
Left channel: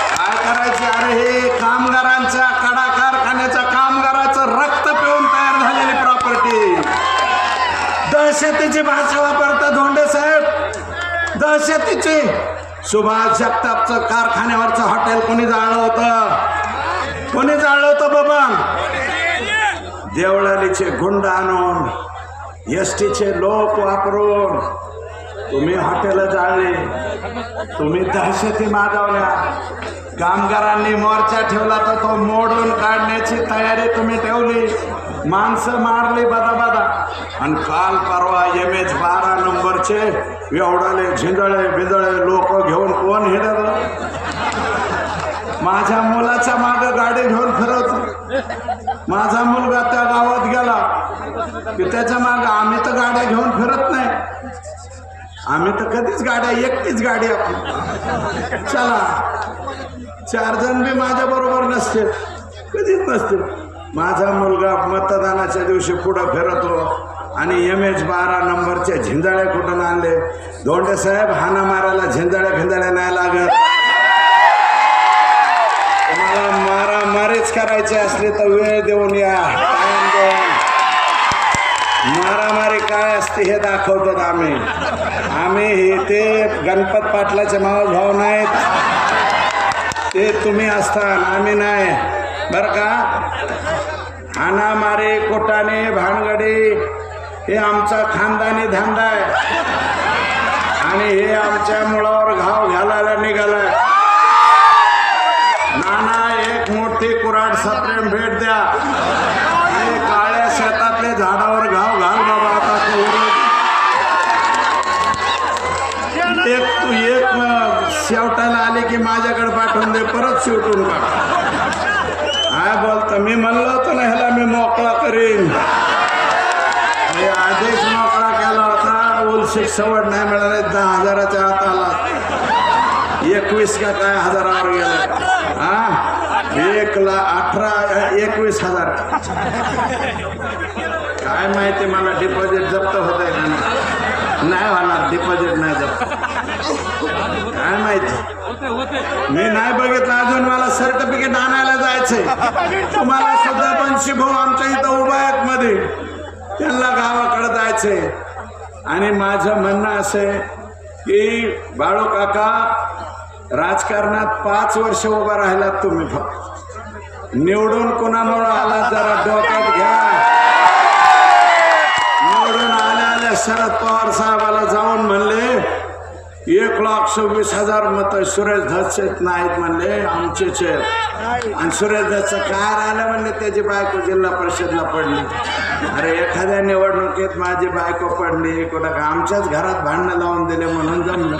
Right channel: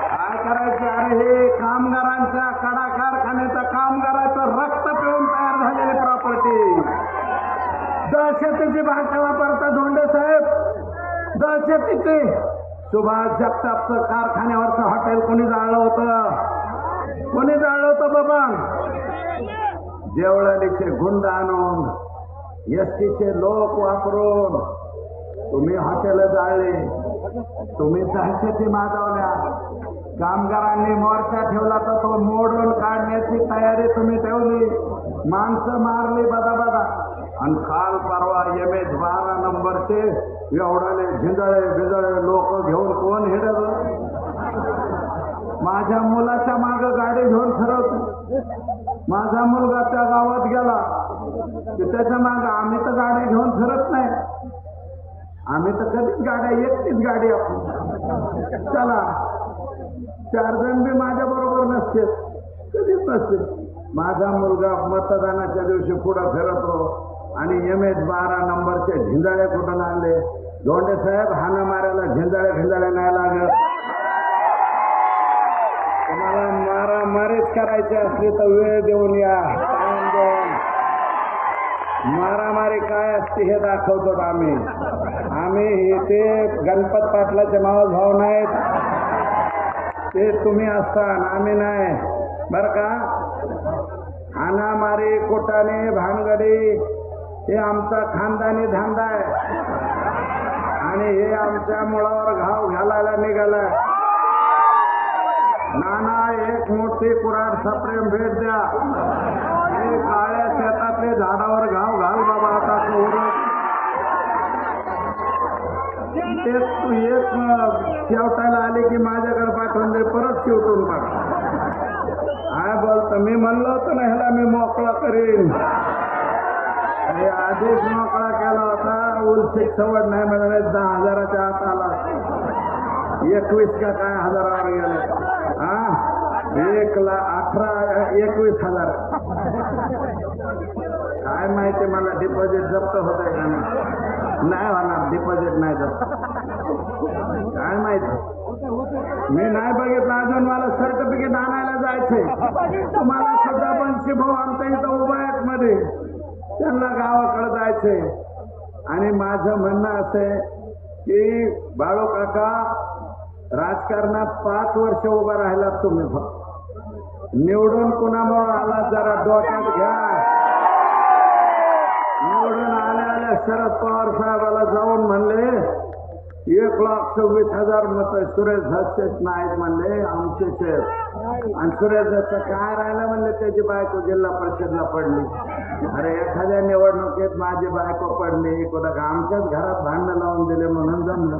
काय करायचं? अरे हे कामगारांच्या कडा कारखान्याच्या कामगाराचं रक्त पिऊन तयार झालेली प्रॉपर्टी. दहशतीची भाषा वापरतात धोंडे साहेब, दहशतीची. सुभाष जगतापचं कारखान्यावरचं हॉटेल कोणी जाळलं होतं? कोणी जाळलं होतं बाबा? देवळालीचे गुंड आणून, एसटीचे लोक वापरून तुम्ही हॉटेल जाळले, तुम्ही दहशती माजवल्या. कामगारांनी मोर्चा ठेवला तर तो मोडून काढण्याची तयारी तुम्ही ठेवली. माणसं मारली बदा आणि काल परवा MH12 नंबरचे एवढाले झिंदळे बिदळे लोक घेऊन कोण हिंडलं? माझ्या मुलाच्या मागं गाडी घेऊन फिरत. माझा मुलगा त्या गावात गेला की त्याच्या मागं आम्ही तर गाड्या घेऊन फिरत नाही. आम्ही तर कधीच गाड्या, एकटीच गाडी आपली. चला 4 जण बी माझ्या बरोबर नसतील, कधीच नसतील. माझा मुलगा मतदानाच्या दिवशी पुढं फिरतो आणि MH12 नंबरचे झिंजाळे कुठून आणले? धोंडे साहेब, हाना मारायला झिंजाळे नाही लागत. तुम्हाला मारामारीच करायची असली तर वेळ देऊन या. मारामारी काय असते हे दाखवतो आम्ही. ते गणपत पाटलाचे मावस भाऊ नाहीत, ते तुम्ही असता, आम्ही नाही बर का. हाणामारी, कोटाने, भानगडी हे आमचा खानदानी धंदा आहे आणि हे आमच्या मुळावर घाव घालायला निघालाय. नाना एक मोठी कुऱ्हाड सप्रेम भेट द्या. हे काळ्या शेतातले झाडावर घाव घाल बाबा. आता तू एक शेवटायला आले की माझ्याकडे पाठवून दे, परत शेवटून टाक. काय बोलतो? मी म्हणलो होतो ना ह्याला मी मोकळा करीन. आधीच मोकळा केला होता. उलशीक सवड नाही मिळाली. 10,000च्या आत आला. 21 का काय हजारावर गेले. 1,18,21,000. काय माहिती मला डिपॉझिट जप्त होत आहे का नाही होणार? डिपॉझिट नाही जप्त, काय माहिती, मी नाही बघितलं अजून. मला सर्टिफिकेट आणायला जायचंय. तुम्हाला सुद्धा 50 भाऊ आमच्या इथं उभा आहेत मध्ये, त्यांना गावाकडे जायचंय. आणि माझं म्हणणं असं की बाळू काका, राजकारणात 5 वर्ष उभा राहिलात तुम्ही. निवडून कुणामुळे आला जरा डोक्यात घ्या. निवडून आल्या शरद पवार साहेबाला जाऊन म्हणले 1,26,000 मतं सुरेश धसचेत नाहीत म्हणले, आमचेच आहेत. आणि सुरेश धसचं काय राहिलं म्हणले, त्याची बायको जिल्हा परिषदला पडली. अरे एखाद्या निवडणुकीत माझी बायको पडली, कोणा आमच्याच घरात भांडणं लावून दिले म्हणून जमलं.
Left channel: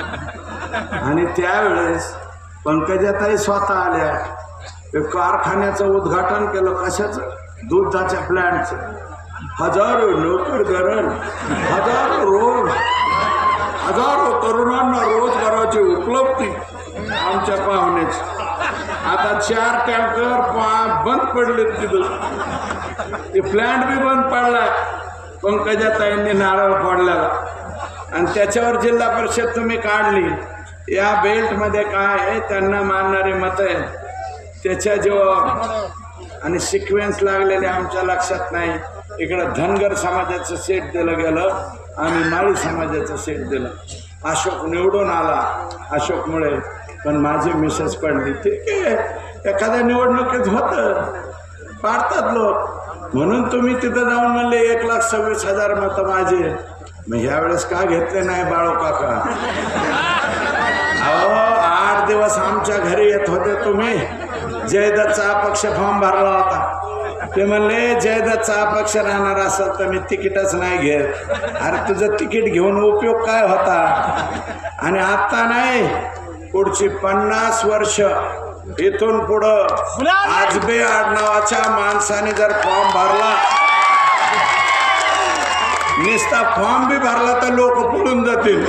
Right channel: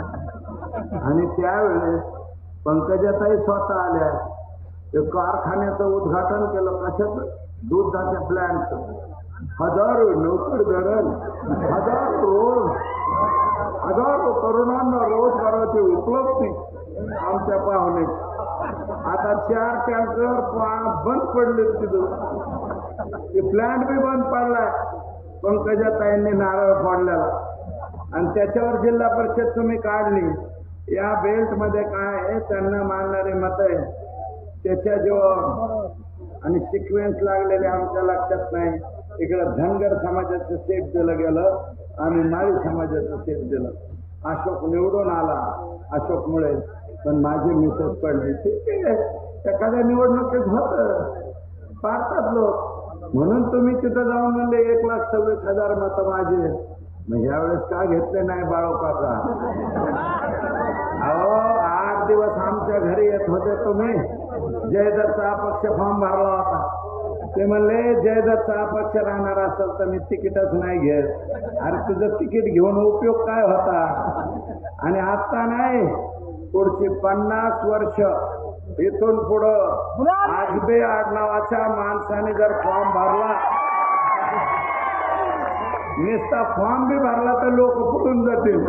आणि त्यावेळेस पंकजाताई स्वतः आल्या. कारखान्याचं उद्घाटन केलं. कशाचं? दुधाच्या प्लॅन्टचं. 1000 नोकर गरज, 1000 रोड, 1000 तरुणांना रोजगाराची उपलब्धी आमच्या पाहुण्याची. आता 4 टँकर बंद पडले तिथं. ते प्लॅन्ट बी बंद पडलाय पंकजाताईंनी नारळ फोडल्याला. आणि त्याच्यावर जिल्हा परिषद तुम्ही काढली। या बेल्ट मध्ये काय आहे, त्यांना मानणारे मत आहे त्याच्या जेव्हा आणि सिक्वेन्स लागलेले आमच्या लक्षात नाही। इकडं धनगर समाजाचं सेट दिलं गेलं, आम्ही माळी समाजाचं सेट दिलं। अशोक निवडून आला अशोकमुळे, पण माझी मिसेस पडली। ठीक आहे, एखाद्या निवडणुकीत होतं, पाडतात लोक, म्हणून तुम्ही तिथं जाऊन म्हणले 1,26,000 मतं माझे। मग यावेळेस का घेतले नाही बाळो काका? अहो 8 दिवस आमच्या घरी येत होते तुम्ही। जयदत्तचा अपक्ष फॉर्म भरला होता, ते म्हणले जयदत्तचा अपक्ष राहणार असेल तर मी तिकीटच नाही घेत। अरे तुझं तिकीट घेऊन उपयोग काय होता? आणि आता नाही, पुढची 50 वर्ष इथून पुढं आजबे आडनावाच्या माणसाने जर फॉर्म भरला, नुसता फॉर्म बी भरला तर लोक पळून जातील।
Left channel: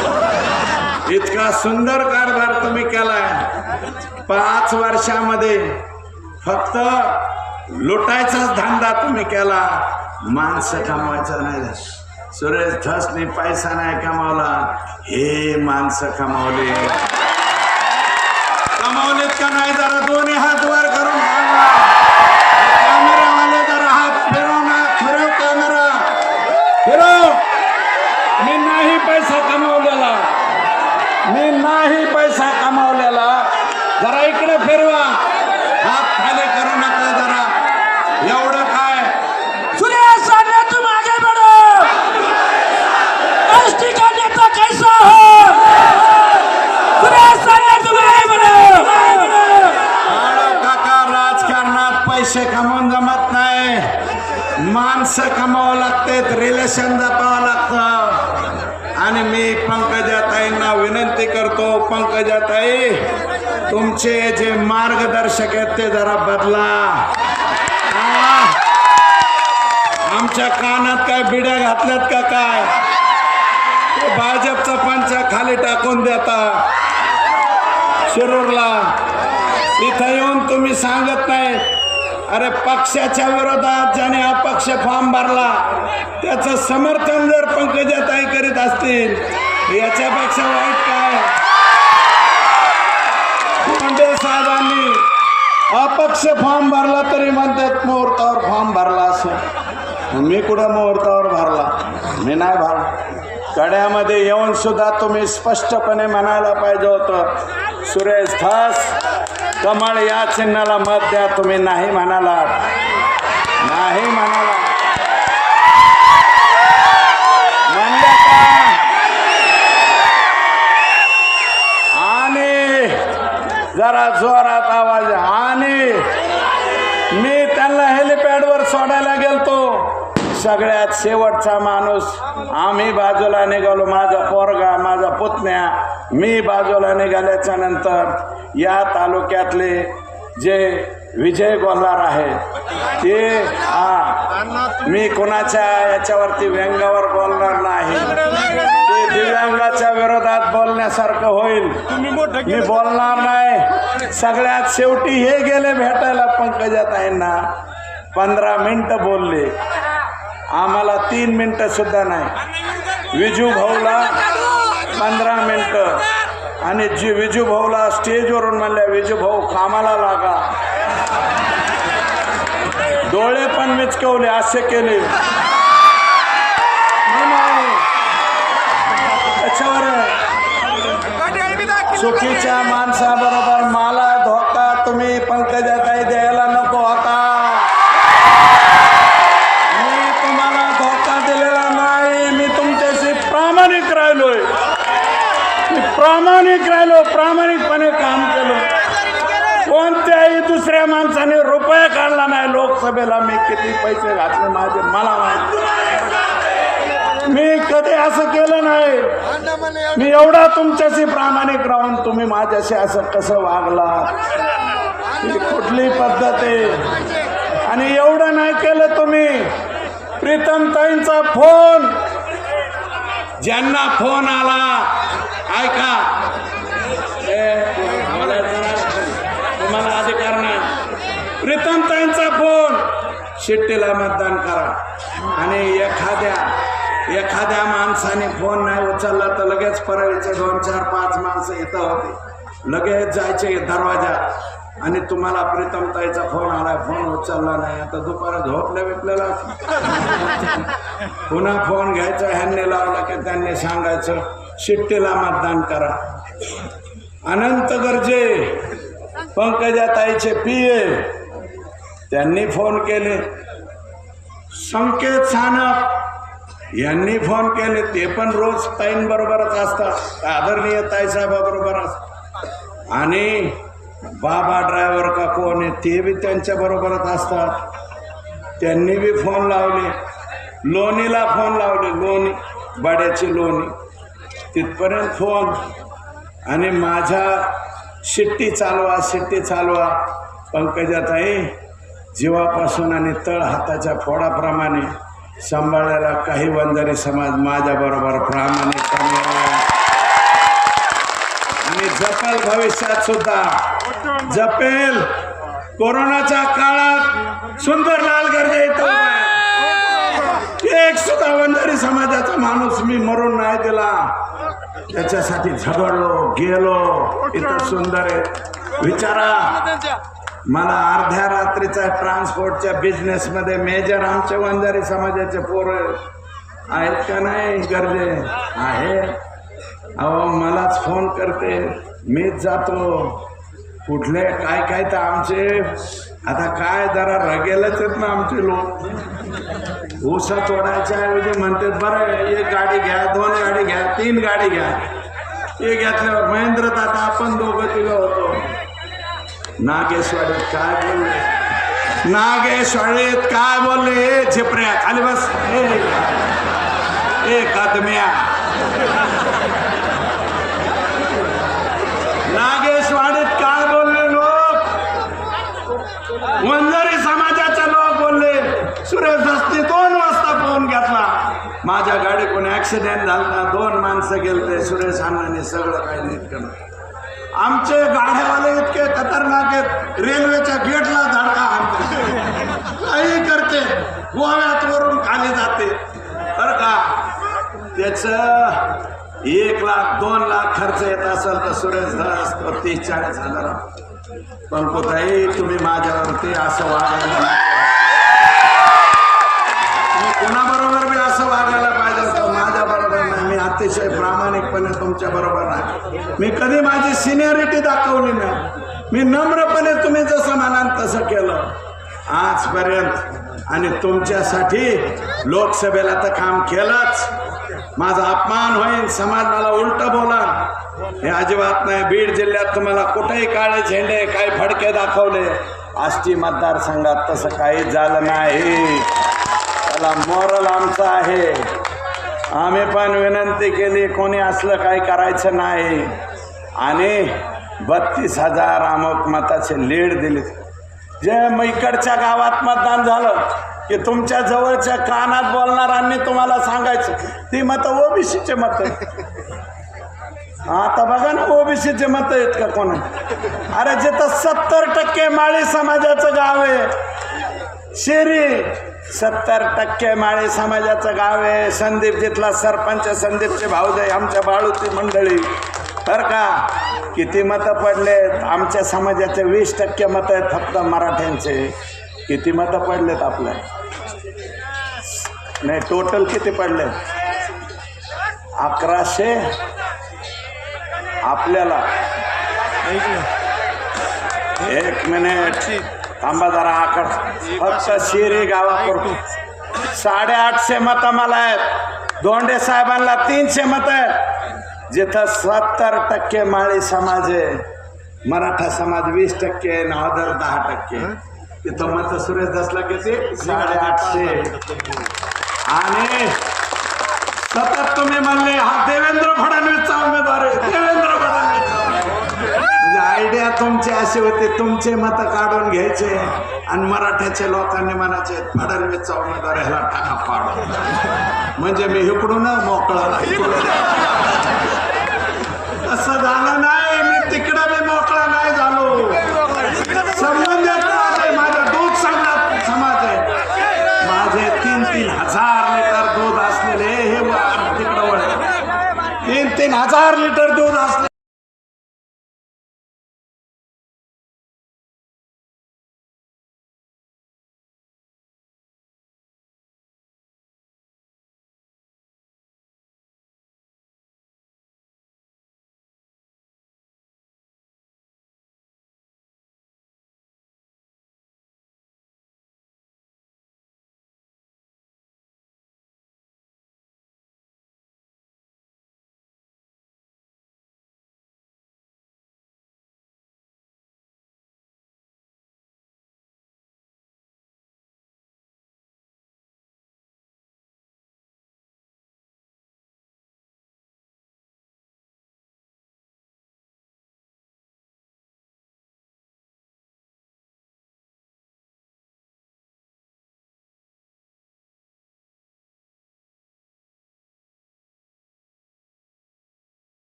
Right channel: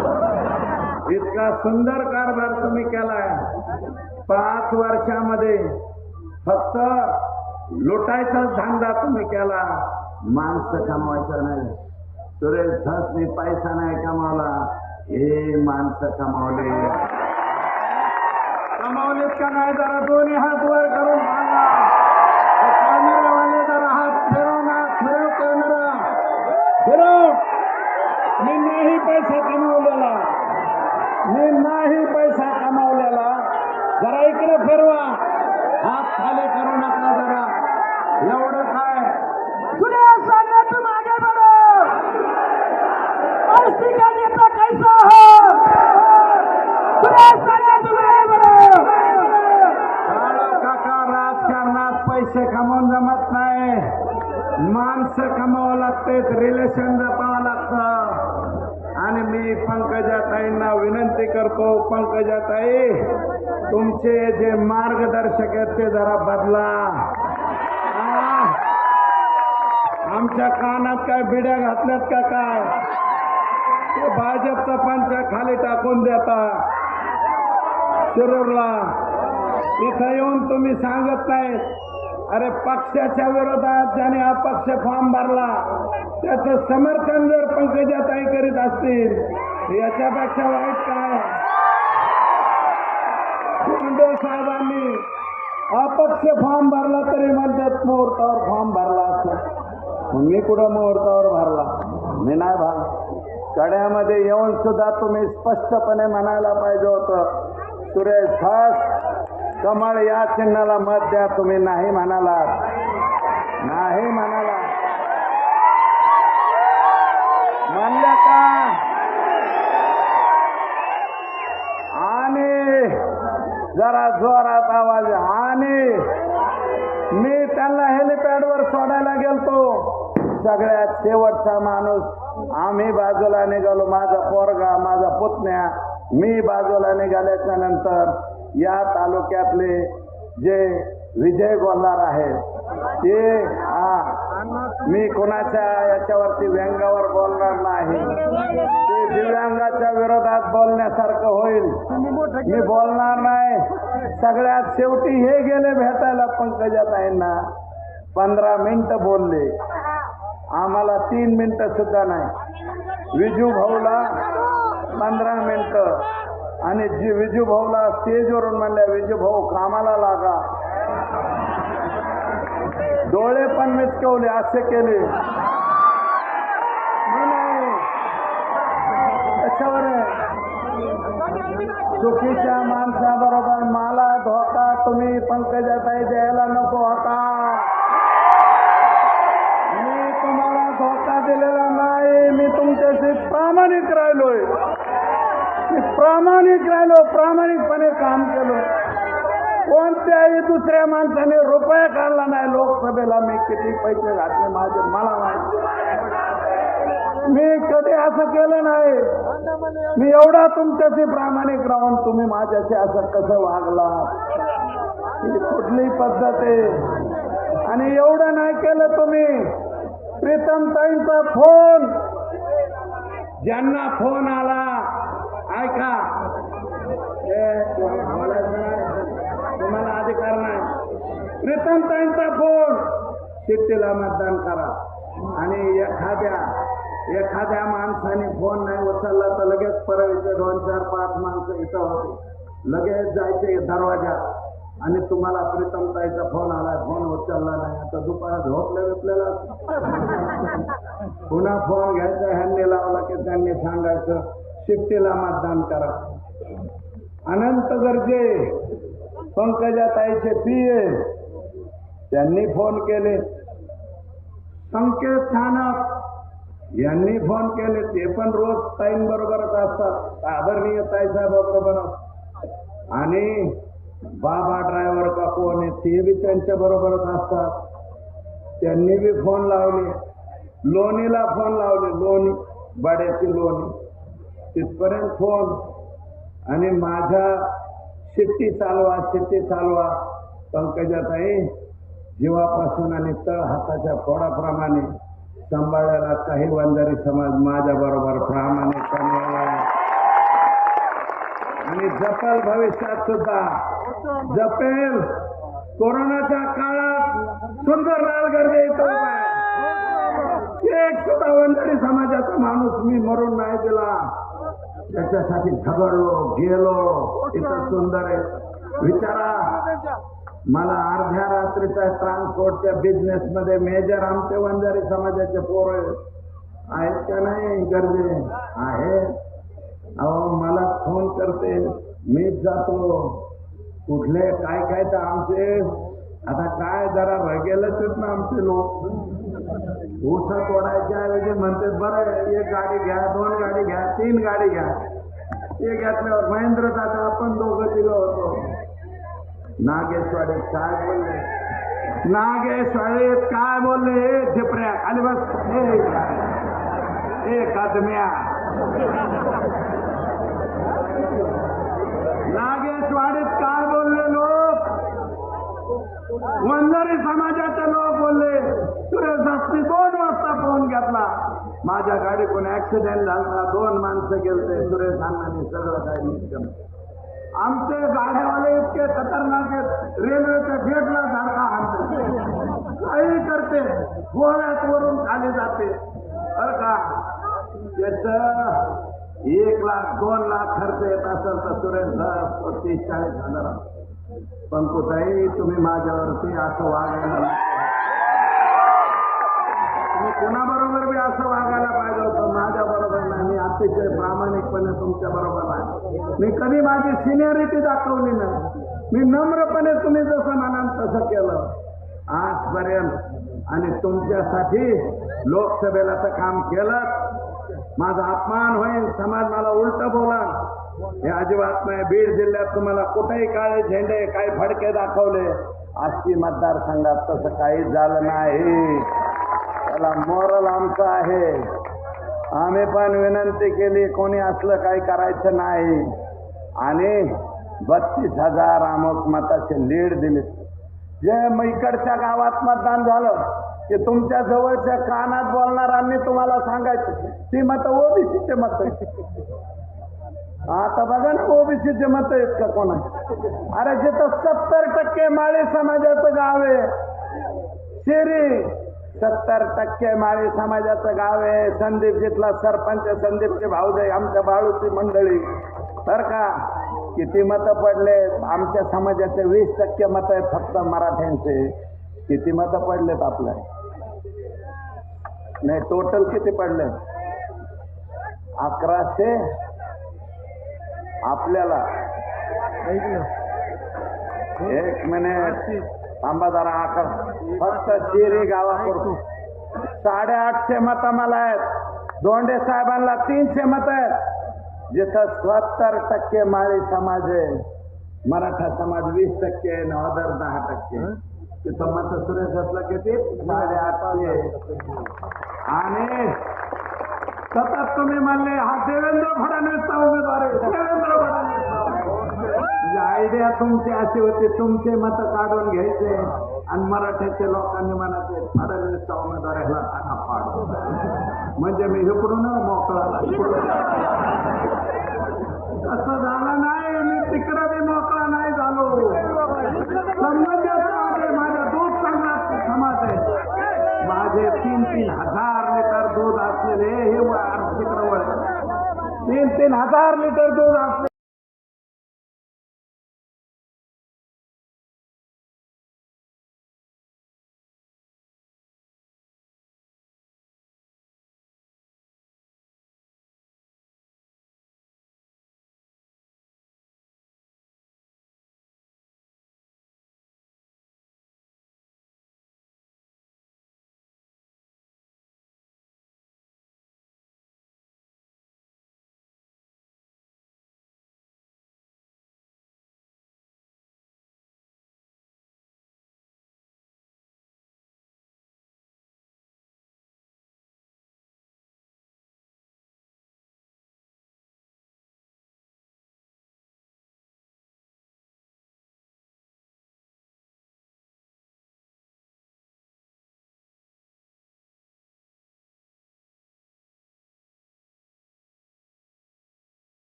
इतका सुंदर कारभार तुम्ही केलाय। 5 वर्षामध्ये फक्त लुटायचाच धंदा तुम्ही केला, माणसं कमवायचा नाही। सुरेश धसने पैसा नाही कमावला, हे माणसं कमावले। कमावलेत का नाही? जरा दोन्ही हात वर करून सांगा। कॅमेरावाले जरा हात फिरव ना, फिरव कॅमेरा फिरव। मी नाही पैसा कमावलेला, मी नाही पैसा कमावलेला। जरा इकडे फिरवा, हात खाली करू नका जरा। एवढं काय? सुरेश सान्या तुम आगे बढ़ो। एसटी का नेता कैसा हो? सुरेश सान्या तुम आगे बढ़ो। काका, राजकारणात पैसे कमवून जमत नाही, माणसं कमावं लागतात, रिलेशन जपावं लागतं। आणि मी पंकजाताईंना विनंती करतो, पंकजाताई तुमचे जे मार्गदर्शक आहेत ते जरा बदला। आमच्या कानात काय बिड्या घातल्यात का काय? भाजपचा पंचा खाली टाकून देता शिरूरला। इथं येऊन तुम्ही सांगत नाही, अरे पक्षाच्या विरोधात ज्याने अपक्ष फॉर्म भरला त्याचं समर्थन जर पंकजाताई करीत असतील, याच्यापेक्षा वाईट काय? मुंडे साहेबांनी अपक्ष फॉर्म भरला तरी म्हणतात मुहूर्तावर फॉर्म भरला असेल। मी कुठं मुहूर्तावर भरला? मी नाही भरला। कड्यामध्ये येऊन सुद्धा तुम्ही स्पष्टपणे म्हणायला पाहिजे होतं, सुरेश धस कमळ या चिन्हाला मत द्या। तुम्ही नाही म्हणाला, नाही म्हणाला, म्हणले का? आणि जरा जोरात आवाज। आणि मी त्यांना हेलिपॅडवर सोडायला गेलतो, सगळ्यात शेवटचा माणूस। आम्ही बाजूला निघालो, माझा पोरगा, माझा पुतण्या, मी बाजूला निघाल्याच्या नंतर या तालुक्यातले जे विजय गोल्हार आहेत ते, मी कुणाच्या याच्यावरती व्यंगावर बोलणार नाही, ते दिव्यांगाच्या विरोधात बोलण्यासारखं होईल, मी बोलणार नाही। सगळ्यात शेवटी हे गेले भेटायला पंकजाताईंना, 15 मिनिटं बोलले, आम्हाला 3 मिनिटं सुद्धा नाही। विजू भाऊला 15 मिनिटं, आणि जी विजू भाऊला स्टेजवरून म्हणले, विजू भाऊ कामाला लागा। डोळे पण मिचकवले, असे केले। चुकीच्या माणसाबरोबर मला धोका तुम्ही पंकजाताई द्यायला नको होता। मी तुम्हाला धोका दिलेला नाही, मी तुमच्याशी प्रामाणिक राहिलोय, मी प्रामाणिक राहिलो, प्रामाणिकपणे काम केलं। कोणत्याही दुसऱ्या माणसाने रुपया काढला नाही लोकसभेला। मी किती पैसे घातले माझे मला माहिती, मी कधी असं केलं नाही। मी एवढा तुमच्याशी प्रामाणिक राहून तुम्ही माझ्याशी असं कसं वागला? ही कुठली पद्धत आहे? आणि एवढं नाही केलं तुम्ही। प्रीतमताईंचा फोन, ज्यांना फोन आला, ऐका, तुम्हाला अधिकार नाही। प्रीतमताईंचा फोन, शिट्टीला मतदान करा। आणि एखाद्या एखाद्या माणसाने फोन नाही उचलला तर लगेच परळीचे 2, 4, 5 माणसं इथं होते, लगेच जायचे दरवाजात आणि तुम्हाला प्रीतमताईचा फोन आला, फोन उचलला नाही, आता दुपारा झोपल्या बिपलेला पुन्हा फोन घ्यायचा, ह्यांनी लावला की त्यांनी सांगायचं शिट्टीला मतदान करा. अनंत गरजे पंकजाताईचे पिये त्यांनी फोन केले, संकेत सानप यांनी फोन केले, ते पण रोज ताईन बरोबरच असतात, आदरणीय ताईसाहेबाबरोबरच. आणि बाबा ड्रायव्हर का कोण आहे ते बी त्यांच्या बरोबरच असतात, त्यांनी बी फोन लावले. लोणीला फोन लावले, लोणी बाड्याची लोणी तिथपर्यंत फोन. आणि माझ्या शिट्टी चालवा शिट्टी चालवा. पंकजाताई जीवापासून आणि तळ हाताच्या फोडाप्रमाणे सांभाळायला काही वंजारी समाज माझ्या बरोबर प्रामाणिकपणे आणि जपेल, भविष्यात सुद्धा जपेल. कोरोनाच्या काळात सुंदरलाल गर्जे एक सुद्धा वंजारी समाजाचा माणूस मी मरून नाही दिला, त्याच्यासाठी झगडलो गेलो. इथं सुंदर आहे. विचारा, मला अर्ध्या रात्रीचा ट्रान्सपोर्टच्या बिझनेस मध्ये मेजर आमचे वंजारी समाजाचे पोरं आहेत का नाही? गर्जे आहे. अहो मलाच फोन करते, मीच जातो. कुठले काय काय तर आमचे आता काय जरा रगेलच आहेत ना आमचे लोक. ऊसा तोडायच्या ऐवजी म्हणते बरं एक गाडी घ्या, 2 गाडी घ्या, 3 गाडी घ्या. हे घेतल्यावर महेंद्र दादा आपण दोघं तिघं होतो. नागेशवाडीत काय बोलले, नागेशवाडीत काय बोलले, झिपऱ्या खाली बस, ए कदम्या. नागेशवाडीत काय बोलले लोक, वंजारी समाजाचे लोक बोलले. सुरेश दस्ती 2 वाजता फोन घेतला, माझ्या गाडी कोणी ऍक्सिडेंट झाला, 2 माणसं गेलते, सुरेश अण्णांनी सगळं काही नीट केलं. आमचे गाड्यावाले इतके खतरनाक आहेत, रेल्वेच्या गेटला धडका आणतात, काही करते, गोव्यात वरून खाली जाते. बरं का, त्याच 1 लाख 2 लाख खर्च येत असेल तर सुरेश दास 30-40 हजार. पण कुठेही तुम्ही माझ्यावरती असं वागायला, कुणाबरोबर मी असं वागायला पाहिजे होतं, माझ्या बरोबर नाही. मी अतिशय प्रामाणिकपणे तुमच्या बरोबर नाही. मी कधी माझी सिनियरिटी दाखवली नाही. मी नम्रपणे तुम्ही जसं म्हणाल तसं केलं आजपर्यंत. आणि तुमच्यासाठी लोकसभेला तर काम केलंच. माझा अपमान होईल, समाज मला उलट बोला हे अजिबात नाही. बीड जिल्ह्यात तुम्हाला कुठेही काळे झेंडे काही फडके दाखवले, आष्टी मतदारसंघात तसं काही झालं नाही. त्याला मोरल आमचा आहे. आम्ही पण विनंती केली, कोणी असलं काही करायचं नाही. आणि 32,000 अमुक मताचे लीड दिले. जे इकडच्या गावात मतदान झालं की तुमच्या जवळच्या कानात बोलणाऱ्यांनी तुम्हाला सांगायचं ती मतं ओबीसीचे मत. आता बघा ना ओबीसीचे मत आहेत का कोणा? अरे जिथं 70% माळी समाजाचं गाव आहे शिरी, 70% माळी समाजाचं गाव आहे. संदीप जिथला सरपंच, संदीपचे भाऊजाई, आमच्या बाळूची मंडळी. बरं का, किती मतं पडलेत? आमच्या समाजाचे 20% मतं आहेत फक्त मराठ्यांचे. किती मतं पडलेत आपल्या? नाही, टोटल किती पडले? 1100. आपल्याला 1 मिनिट थांबा जरा. आकड फक्त शिरी गावापुरतं 850 मतं मला आहेत. दोंडे साहेबांना 300 मतं आहेत. जिथं 70% माळी समाज आहे, मराठा समाज 20% आहे, नावदर 10%. तिथं मत सुरेश दसला किती? 850. आणि सतत तुम्ही म्हणले हा देवेंद्र फडणवीसचा उमेदवार आहे, देवेंद्र फडणवीस. म्हणजे आयडिया तुमची अशी होती, तुमचे मत काढून घ्यायचे आणि मराठ्याच्या लोकांनी म्हणायचे फडणवीसचा उमेदवार ह्याला टाका पाडू, म्हणजे मी इकडून मोकळा.